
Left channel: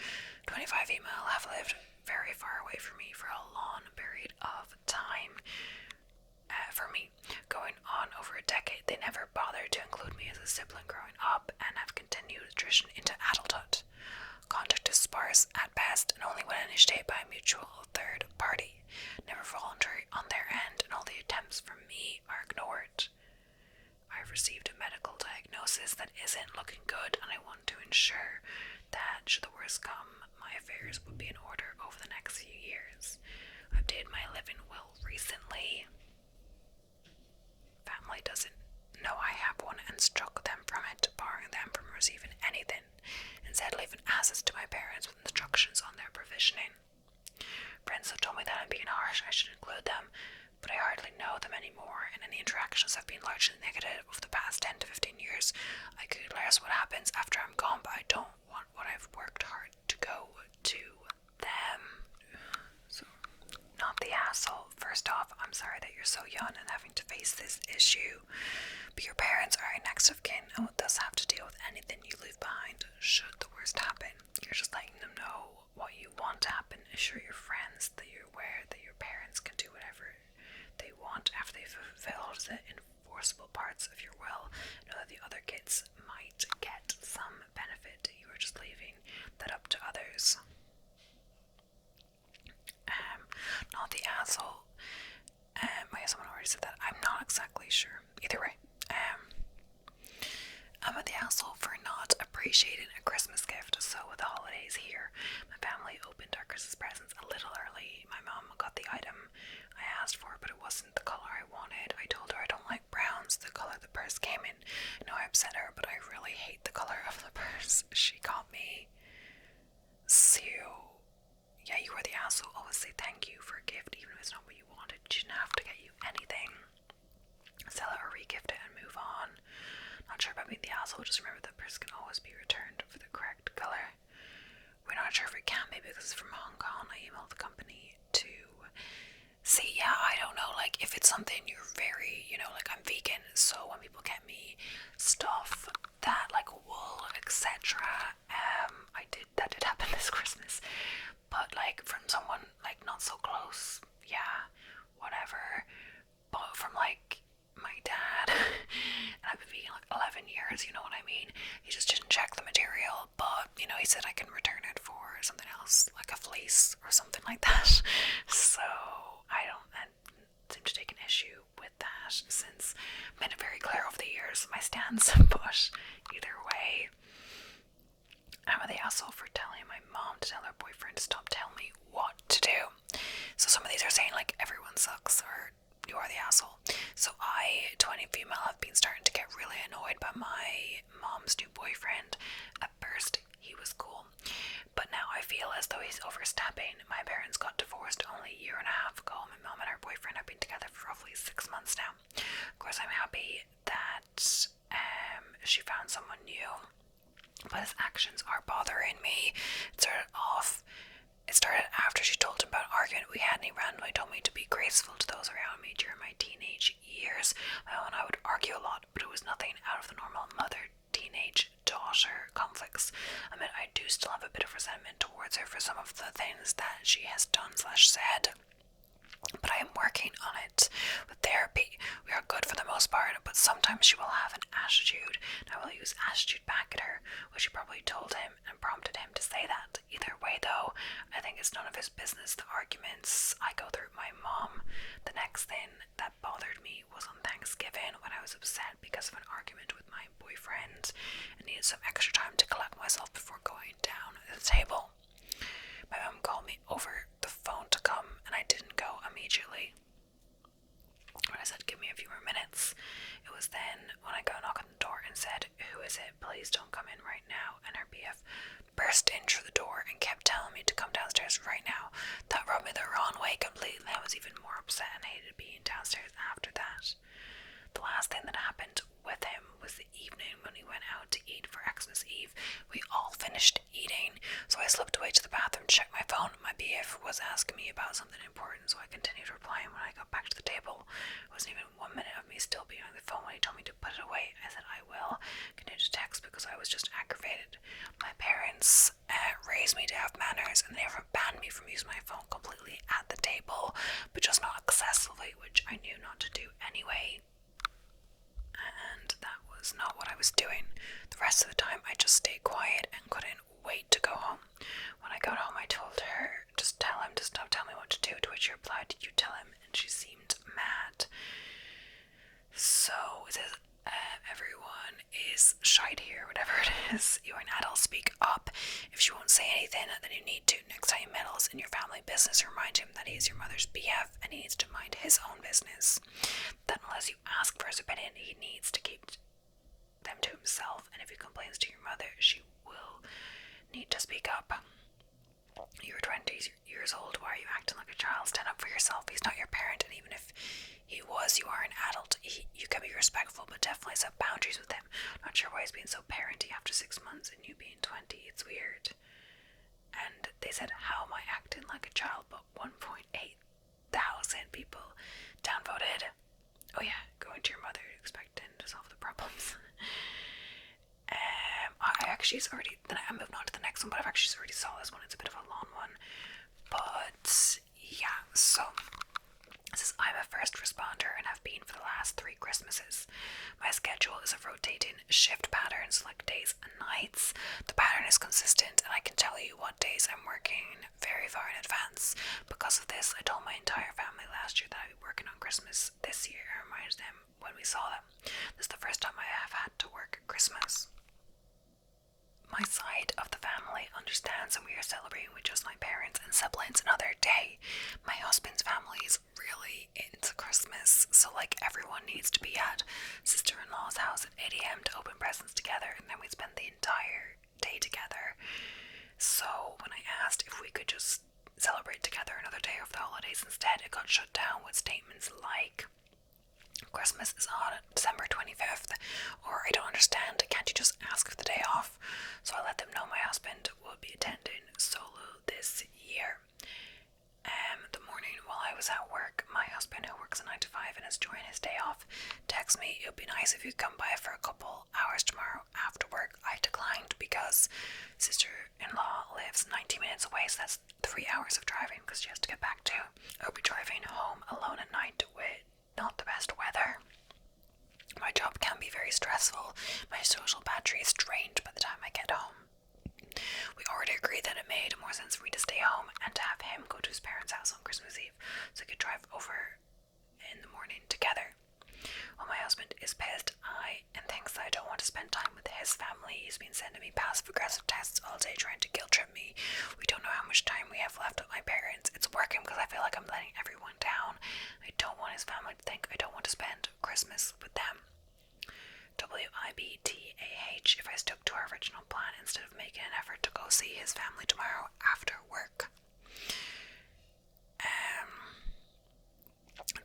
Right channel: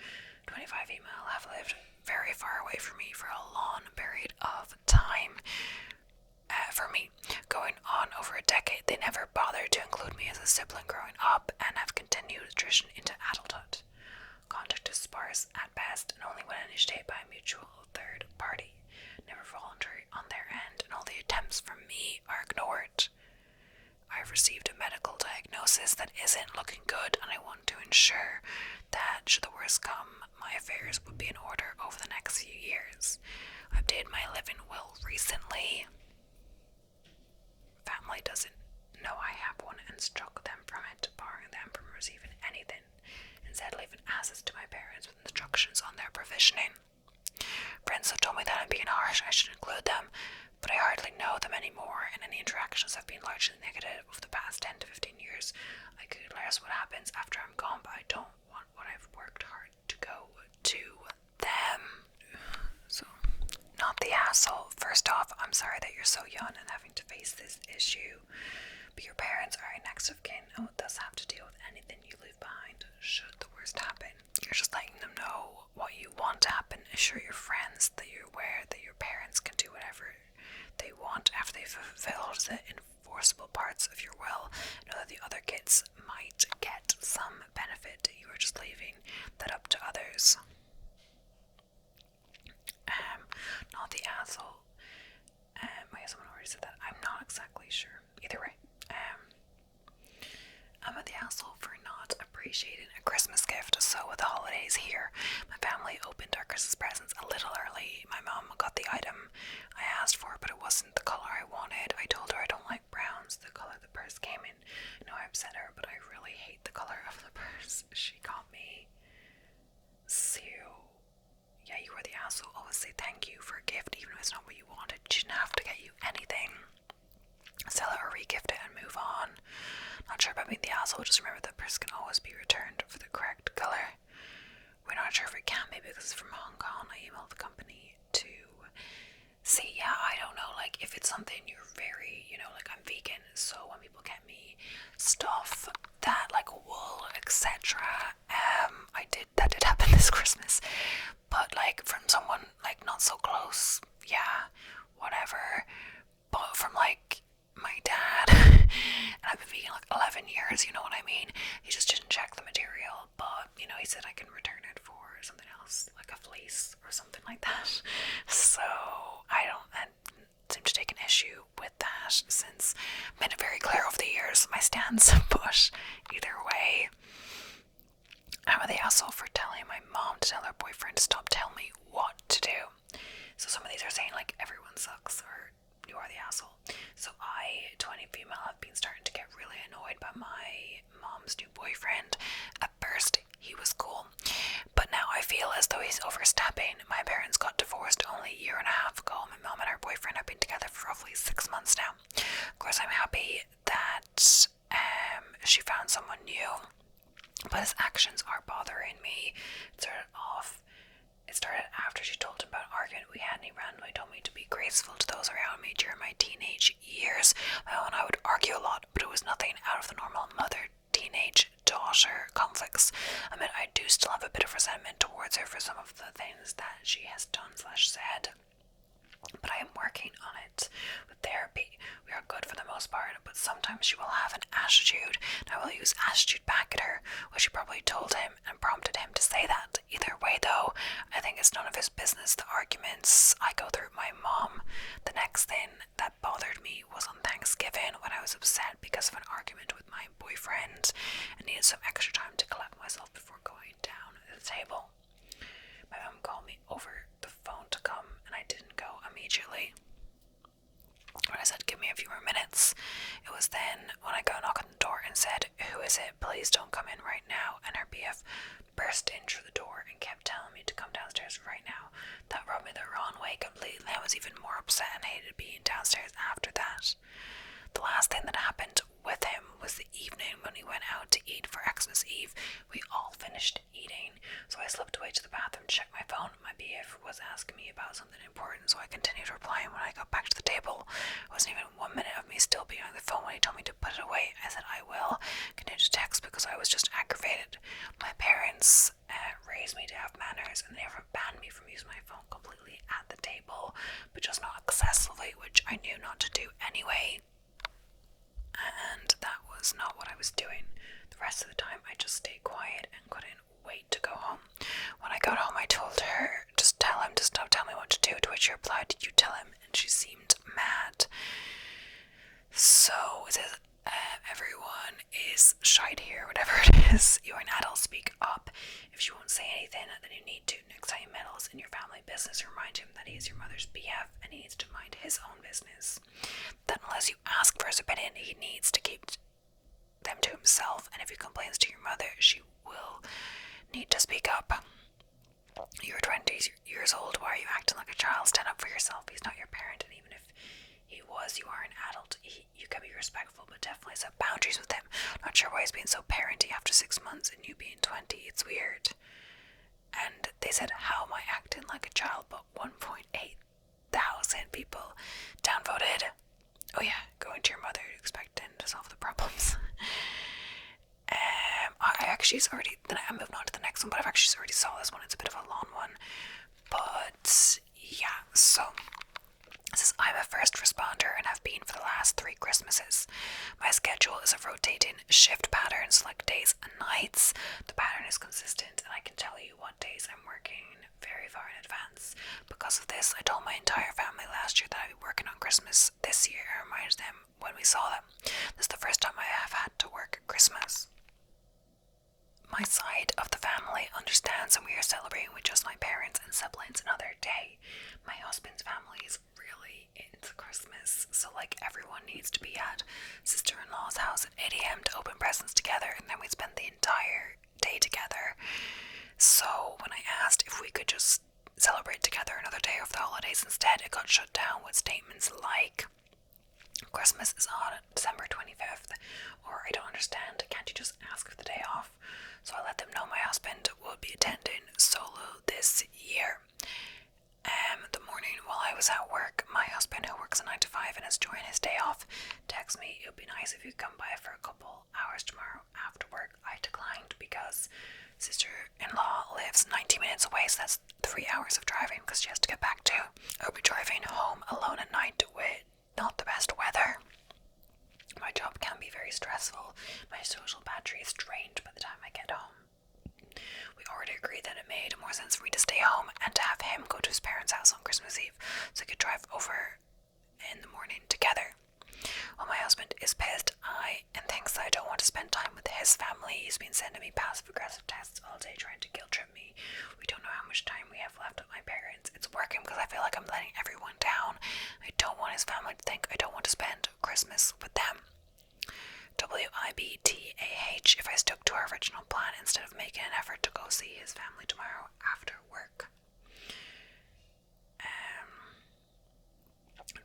25 female, have lived very far away from me for a long period of time. For me, going on over a decade, they never bothered to include me as a sibling growing up and have continued tradition into adulthood. Contact is sparse at best and only when initiated by a mutual third party, never voluntary on their end, and all the attempts from me are ignored. I've received a medical diagnosis that isn't looking good, and I want to ensure that, should the worst come, my affairs would be in order over the next few years. I updated my living will recently. Family doesn't know I have one and struck them from it, barring them from receiving anything, instead leaving assets to my parents with instructions on their provisioning. Friends have told me that I'm being harsh and I should include them, but I hardly know them anymore, and any interactions have been largely negative over the past 10 to 15 years. I could guess what happens after I'm gone, but I don't want what I've worked hard to go to them. So, not the asshole. First off, I'm sorry that you're so young and having to face this issue, but your parents are your next of kin and would thus have to deal with anything you leave behind should the worst happen. You're just letting them know what you want to happen. Assure your friends that you're aware that your parents can do whatever they want after they've fulfilled the enforceable parts of your will. Know that the other kids might get some benefit. You are just leaving that up to others. Not the asshole. Someone already said that. I'm not exactly sure. Either way. I'm the asshole for not appreciating a Christmas gift. So with the holidays here, my family opened our Christmas presents a little early. My mom got the item I asked for, but it wasn't the color I wanted. I told her I don't like browns, the color the purse came in. I know I upset her, but I really hate the color of the purse she got me. So, yeah, you are the asshole. Always say thank you for a gift, even if it's not what you wanted. She didn't have to get you anything. Sell it or re-gift it and move on. Not sure about being the asshole, just remember that purse can always be returned for the correct color. We're not sure if it can be because it's from Hong Kong. I emailed the company to see. Yeah, I don't know, like, if it's something you're very, like, I'm vegan, so when people get me stuff that, like, wool, etc., that did happen this Christmas, but, like, from someone, like, not so close, yeah, whatever, but from, like, my dad, and I've been vegan, like, 11 years, you know what I mean? He just didn't check the material, but, he said I can return it for something else, like a fleece or something like that. So I seem to take an issue with that, since I've made it very clear over the years my stance. But either way, I'm the asshole for telling my mom to tell her boyfriend to stop telling me what to do. So some of these are saying, like, everyone sucks, or you are the asshole. So I, 20 female, have been starting to get really annoyed by my mom's new boyfriend. At first, he was cool, but now I feel as though he's overstepping. My parents got divorced only a year and a half ago. My mom and her boyfriend have been together for roughly 6 months now. Of course, I'm happy that she found someone new, but his actions are bothering me. It started after she told him about an argument we had, and he randomly told me to be graceful to those around me during my teenage years. My mom and I would argue a lot, but it was nothing out of the normal mother-teenage-daughter conflicts. I mean, I do still have a bit of resentment towards her for some of the things that she has done/said, but I am working on it with therapy. We are good for the most part, but sometimes she will have an attitude, and I will use attitude back at her, which she probably told him and prompted him to say that. Either way, though, I think it's none of his business, the arguments I go through with my mom. The next thing that bothered me was on Thanksgiving, when I was upset because of an argument with my boyfriend and needed some extra time to collect myself before going down at the table. My mom called me over the phone to come, and I didn't go immediately. When I said, give me a few more minutes, it was then when I got a knock on the door and said, who is it? Please don't come in right now. And her BF burst in through the door and kept telling me to come downstairs right now. That rubbed me the wrong way completely. I was even more upset and hated being downstairs after that. The last thing that happened with him was the evening when we went out to eat for Xmas Eve. We all finished eating, so I slipped away to the bathroom to check my phone. My BF was asking me about something important, so I continued replying when I got back to the table. It wasn't even 1 minute of me still being on the phone when he told me to put it away. I said I will. Continued to text because I was just aggravated. My parents raised me to have manners, and they never banned me from using my phone completely at the table, but just not excessively, which I knew not to do anyway. And that was not what I was doing. The rest of the time I just stayed quiet and couldn't wait to go home. When I got home, I told her, just tell him to stop telling me what to do, to which she replied, did you tell him? And she seemed mad. So it says, everyone is shite here, whatever it is. You're an adult, speak up. If she won't say anything, then you need to. Next time he meddles in your family business, remind him that he is your mother's BF and he needs to mind his own business. That unless you ask for his opinion, he needs to keep them to himself, and if he complains to your mother, she will need to speak up. You're 20 years old, why are you acting like a child? Stand up for yourself. He's not your parent, and even if he was, you are an adult. You can be respectful, but definitely set boundaries with him. Not sure why he's being so parenty after 6 months and you being 20. It's weird. And they said, how am I acting like a child? But 1.8 thousand people downvoted. Oh yeah, going to your mother, expecting to solve the problems. I'm moving on to the next one, but I've actually already saw this one. It's a bit of a long one. But yeah, so this is, I'm a first responder and have been for the last 3 Christmases. shift patterns, like days and nights. The pattern is consistent, and I can tell you what days I'm working very far in advance. Because of this, I told my entire family last year that I'd be working on Christmas this year. I reminded them when we saw them. This is the first time I have had to work Christmas. My side of the family understands, and we are celebrating with just my parents and siblings another day. My husband's family is really into Christmas, so like everyone needs to be at sister-in-law's house at 8 a.m. to open presents together, and then we spend the entire day together. So when I asked if we could just celebrate together another day of the holidays instead, it got shut down with statements like, Christmas is on December 25th, or I don't understand, can't you just ask for the day off? So I let them know my husband would be attending solo this year. The morning while I was at work, my husband, who works a 9 to 5 and is enjoying his day off, texted me, it would be nice if you come by for a couple hours tomorrow after work. I declined because sister-in-law lives 90 minutes away, so that's 3 hours of driving because she has to get back to. I would be driving home alone at night with not the best weather. My job can be very stressful. My social battery is drained by the time I get home. We already agreed that it made more sense for me to stay home and to have him go to his parents' house on Christmas Eve so I could drive over in the morning together. While my husband is pissed and thinks that I don't want to spend time with his family, he's been sending me passive-aggressive texts all day trying to guilt-trip me. We don't know how much time we have left with my parents. It's working because I feel like I'm letting everyone down. I don't want his family to think I don't want to spend Christmas with them. WIBTAH if I stuck to our original plan instead of making an effort to go see his family tomorrow after work.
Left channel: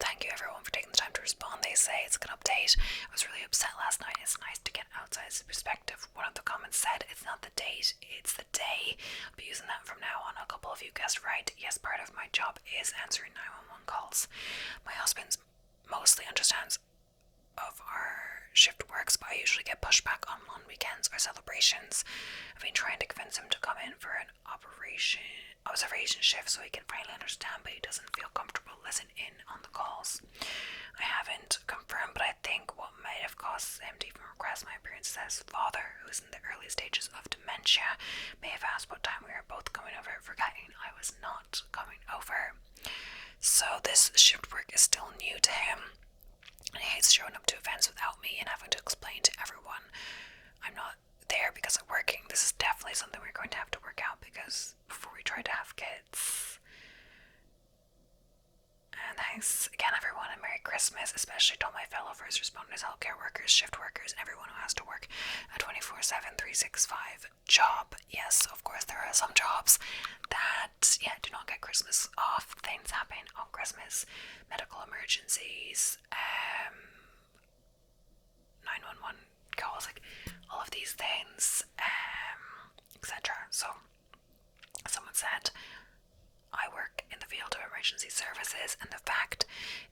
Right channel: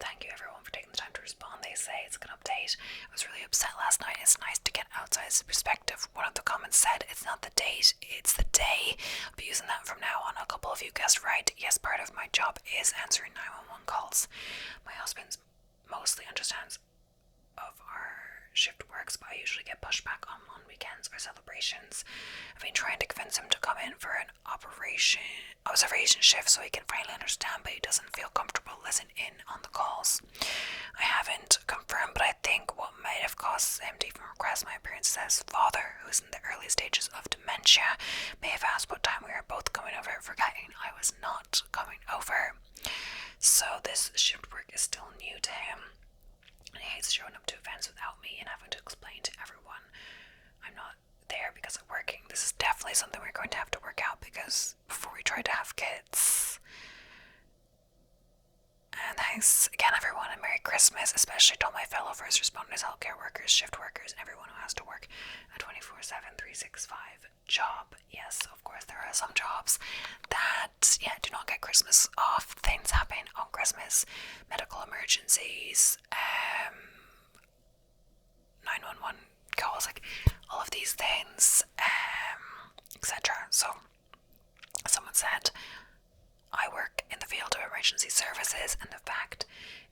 Thank you everyone for taking the time to respond. They say it's a good update. I was really upset last night. It's nice to get outside perspective. One of the comments said it's not the date, it's the day. I'll be using that from now on. A couple of you guessed right. Yes, part of my job is answering 911 calls. My husband mostly understands of our shift works, but I usually get pushed back on weekends or celebrations. I've been trying to convince him to come in for an observation shift so he can finally understand, but he doesn't feel comfortable listening in on the calls. I haven't confirmed, but I think what might have caused him to even request my appearance as father, who's in the early stages of dementia, may have asked what time we were both coming over, forgetting I was not coming over. So this shift work is still new to him, and he hates showing up to events without me and having to explain to everyone I'm not there because I'm working. This is definitely something we're going to have to work out, because before we try to have kids. And thanks again everyone, and Merry Christmas, especially to all my fellow first responders, healthcare workers, shift workers, and everyone who has to work a 24/7, 365 job. Yes, of course there are some jobs that do not get Christmas off. Things happen on Christmas, medical emergencies, 911 calls, like all of these things, etc. So someone said I work in the field of emergency services, and the fact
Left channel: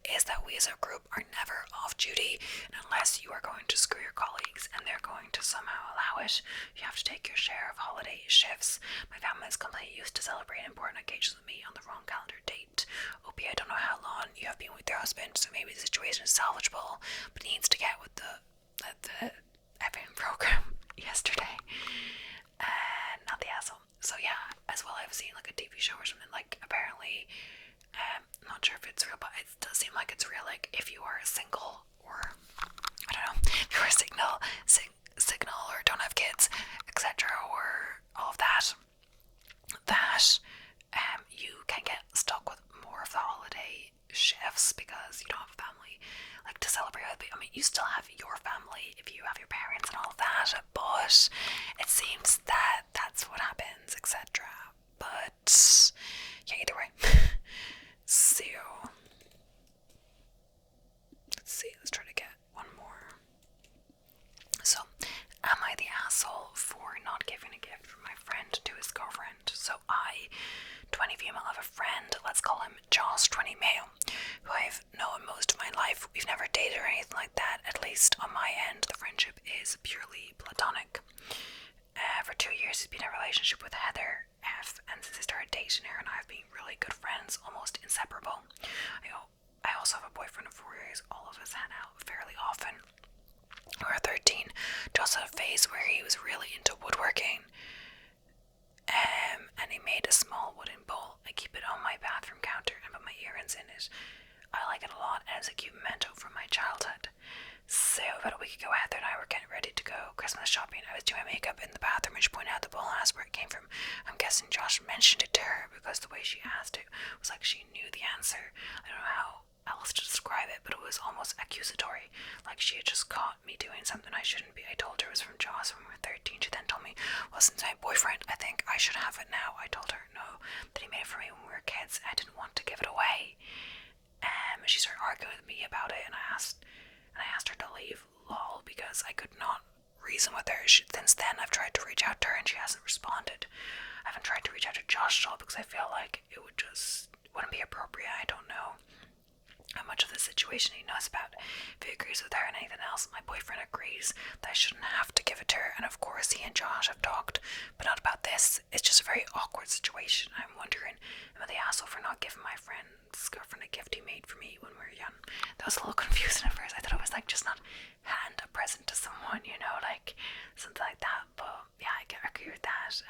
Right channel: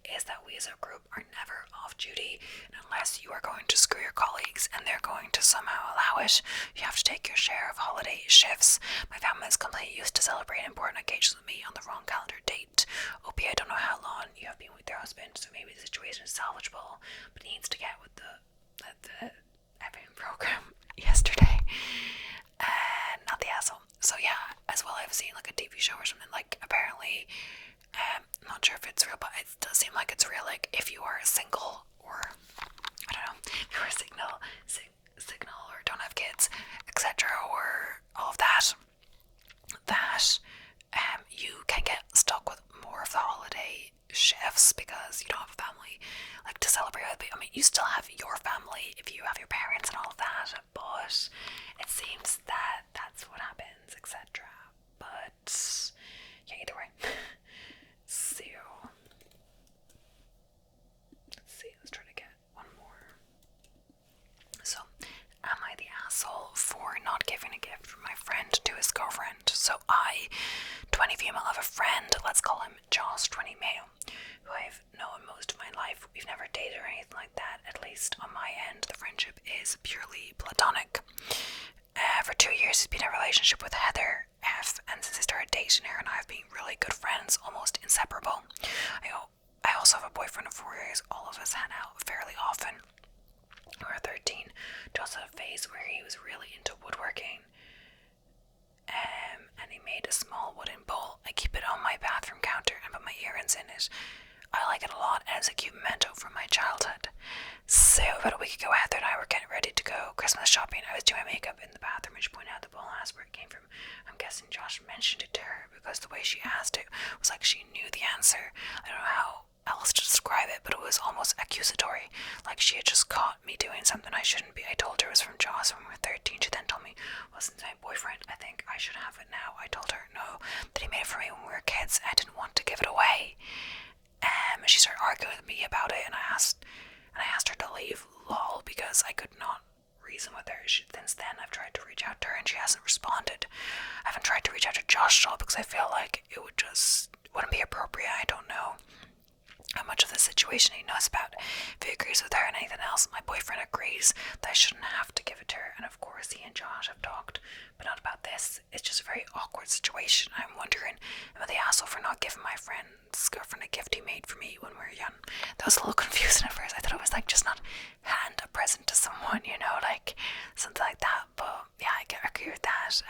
is that we as a group are never off duty, and unless you are going to screw your colleagues and they're going to somehow allow it, you have to take your share of holiday shifts. My family is completely used to celebrating important occasions with me on the wrong calendar date. Opie, I don't know how long you have been with your husband, so maybe the situation is salvageable, but he needs to get with the effing program yesterday. Not the asshole. So yeah, as well I've seen like a TV show or something, like apparently, I'm not sure if it's real, but it does seem like it's real, like if you are single, or I don't know, if you are signal or don't have kids, etc., or all of that, you can get stuck with more of the holiday shifts because you don't have a family like to celebrate with. I mean, you still have your family if you have your parents and all of that, but it seems that that's what happens, etc. But yeah, either way. So let's try to get one more. So, am I the asshole for not giving a gift from my friend to his girlfriend? So 20 female, have a friend, let's call him Josh, 20 male, who I've known most of my life. We've never dated or anything like that, at least on my end. The friendship is purely platonic. For 2 years he's been in a relationship with Heather F, and since I started dating her and I have been really good friends, almost inseparable. I also have a boyfriend of 4 years. All of us hang out fairly often. We were 13. To just had a phase where he was really into woodworking. And he made a small wooden bowl. I keep it on my bathroom counter and put my earrings in it. I like it a lot, and it's a cute memento from my childhood. So about a week ago, Heather and I were getting ready to go Christmas shopping. I was doing my makeup in the bathroom, and she pointed out the bowl and asked where it came from. I'm guessing Josh mentioned it to her because the way she asked it was like she knew the answer. I don't know how else to describe it, but it was almost accusatory, like she had just caught me doing something I shouldn't be. I told her it was from Josh when we were 13. She then told me, well, since my boyfriend, I think I should have it now. I told her no, that he made it for me when we were kids. I didn't want to give it away. She started arguing with me about it, and I asked her to leave, lol, because I could not reason with her. Since then, I've tried to reach out to her, and she hasn't responded. I haven't tried to reach out to Josh at all because I feel like it wouldn't be appropriate. I don't know how much of the situation he knows about. If he agrees with her and anything else, my boyfriend agrees that I shouldn't have to give it to her, and of course he and Josh have talked, but not about this. It's just a very awkward situation. I'm wondering, am I the asshole for not giving my friend's girlfriend a gift he made for me when we were young? That was a little confusing at first. I thought it was like just not hand a present to someone, you know, like something like that, but yeah, I agree with that.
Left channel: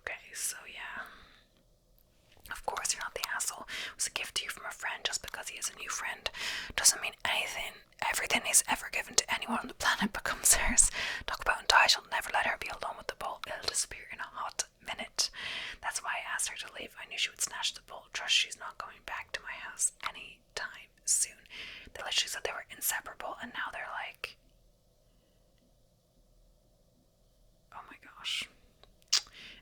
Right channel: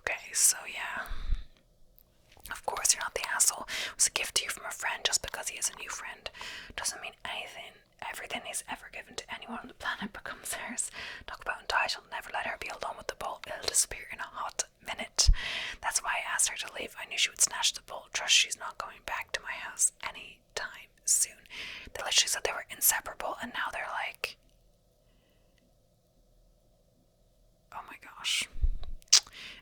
Okay, so yeah. Of course, you're not the asshole. It was a gift to you from a friend. Just because he is a new friend doesn't mean anything. Everything he's ever given to anyone on the planet becomes hers. Talk about entitled. Never let her be alone with the bowl. It'll disappear in a hot minute. That's why I asked her to leave. I knew she would snatch the bowl. Trust she's not going back to my house anytime soon. They literally said they were inseparable, and now they're like, oh my gosh.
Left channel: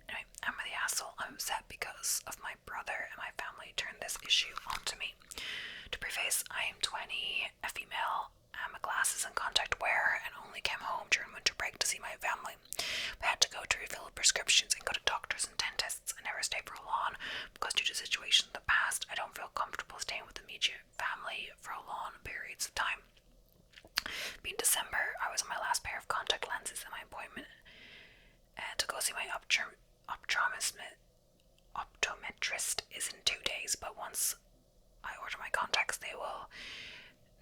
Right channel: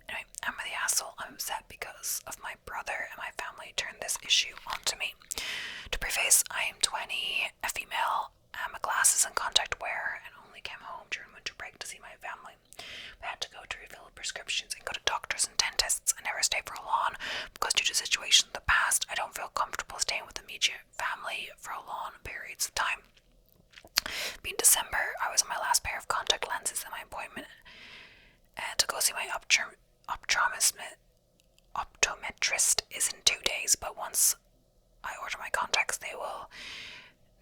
Anyway, am I the asshole? I'm upset because of my brother and my family turned this issue onto me. To preface, I am 20, a female, I'm a glasses and contact wearer, and only came home during winter break to see my family. We had to go to refill prescriptions and go to doctors and dentists. I never stayed for long because due to situations in the past, I don't feel comfortable staying with immediate family for long periods of time. Being December, I was on my last pair of contact lenses, and my appointment to go see my optometrist is in 2 days, but once I order my contacts, they will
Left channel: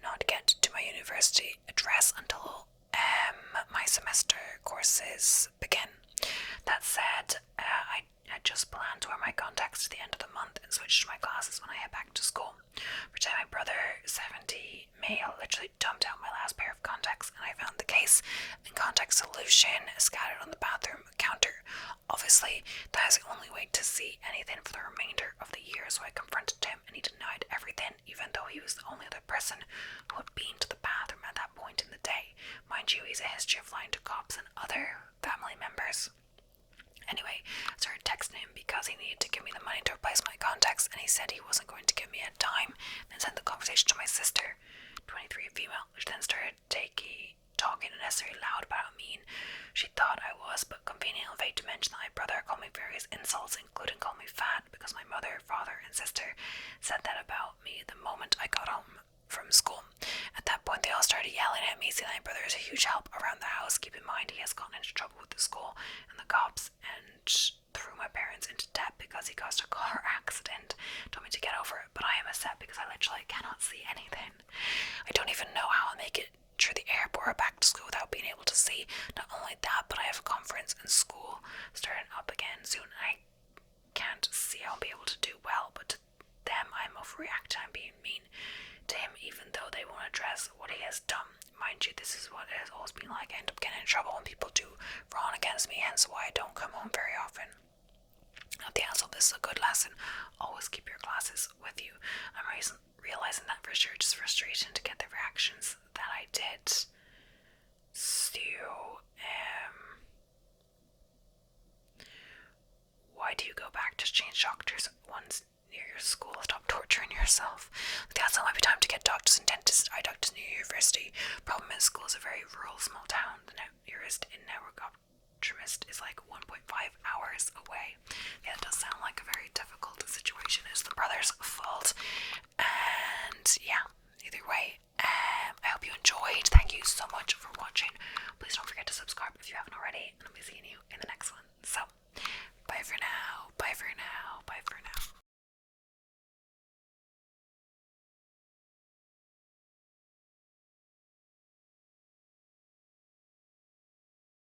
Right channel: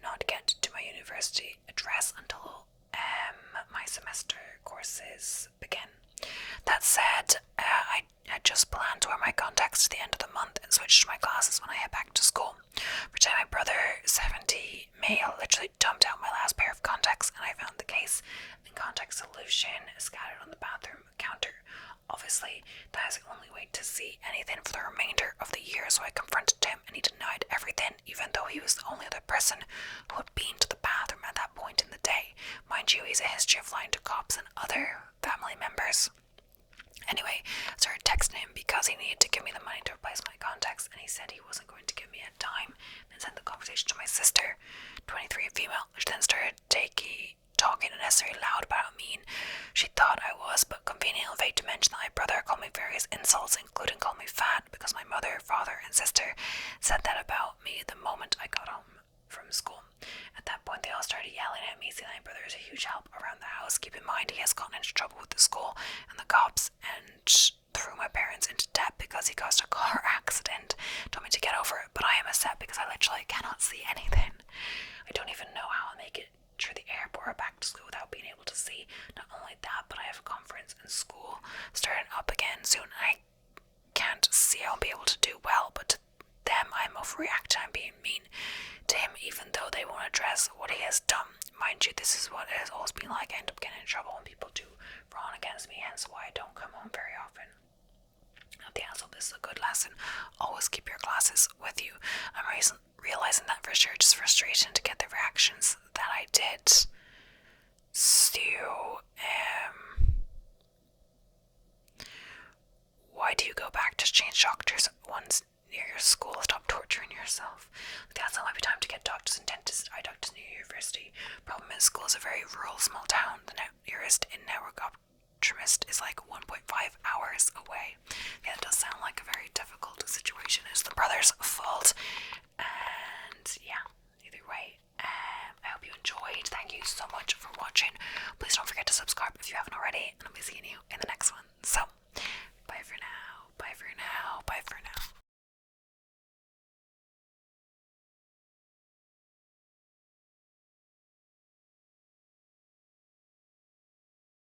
not get to my university address until my semester courses begin. That said, I just plan to wear my contacts to the end of the month and switch to my glasses when I head back to school. Pretend my brother, 70, male, literally dumped out my last pair of contacts, and I found the case and contact solution scattered on the bathroom counter. Obviously, that is the only way to see anything for the remainder of the year, so I confronted him and he denied everything, even though he was the only other person who had been to the bathroom at that point in the day. Mind you, he has a history of lying to cops and other family members. Anyway, I started texting him because he needed to give me the money to replace my contacts, and he said he wasn't going to give me a dime, and sent the conversation to my sister, 23, a female, which then started talking unnecessarily loud about how mean she thought I was, but conveniently vague to mention that my brother called me various insults, including calling me fat, because my mother, father, and sister said that about me the moment I got home from school. At that point, they all started yelling at me, saying that my brother is a huge help around the house. Keep in mind, he has gotten into trouble with the school and the cops, and threw my parents into debt because he caused a car accident. Told me to get over it, but I am upset because I literally cannot see anything. I don't even know how I'll make it through the airport or back to school without being able to see. Not only that, but I have a conference and school starting up again soon. I can't see I'll be able to do well, but to them I'm overreacting. I'm being mean to him, even though they won't address what he has done. Mind you, this is what it has always been like. I end up getting in trouble when people do wrong against me, hence why I don't come home very often. Not the asshole, this is a good lesson. Always keep your glasses with you. I'm realizing that for sure. Just frustrating to get the reactions that I did. So, why do you go back to change doctors once near your school? Stop torturing yourself. That's not might be time to get doctors and dentists. Eye doctors near university. Problem is, school is a very rural, small town. The nearest in-network optometrist is like 1.5 hours away.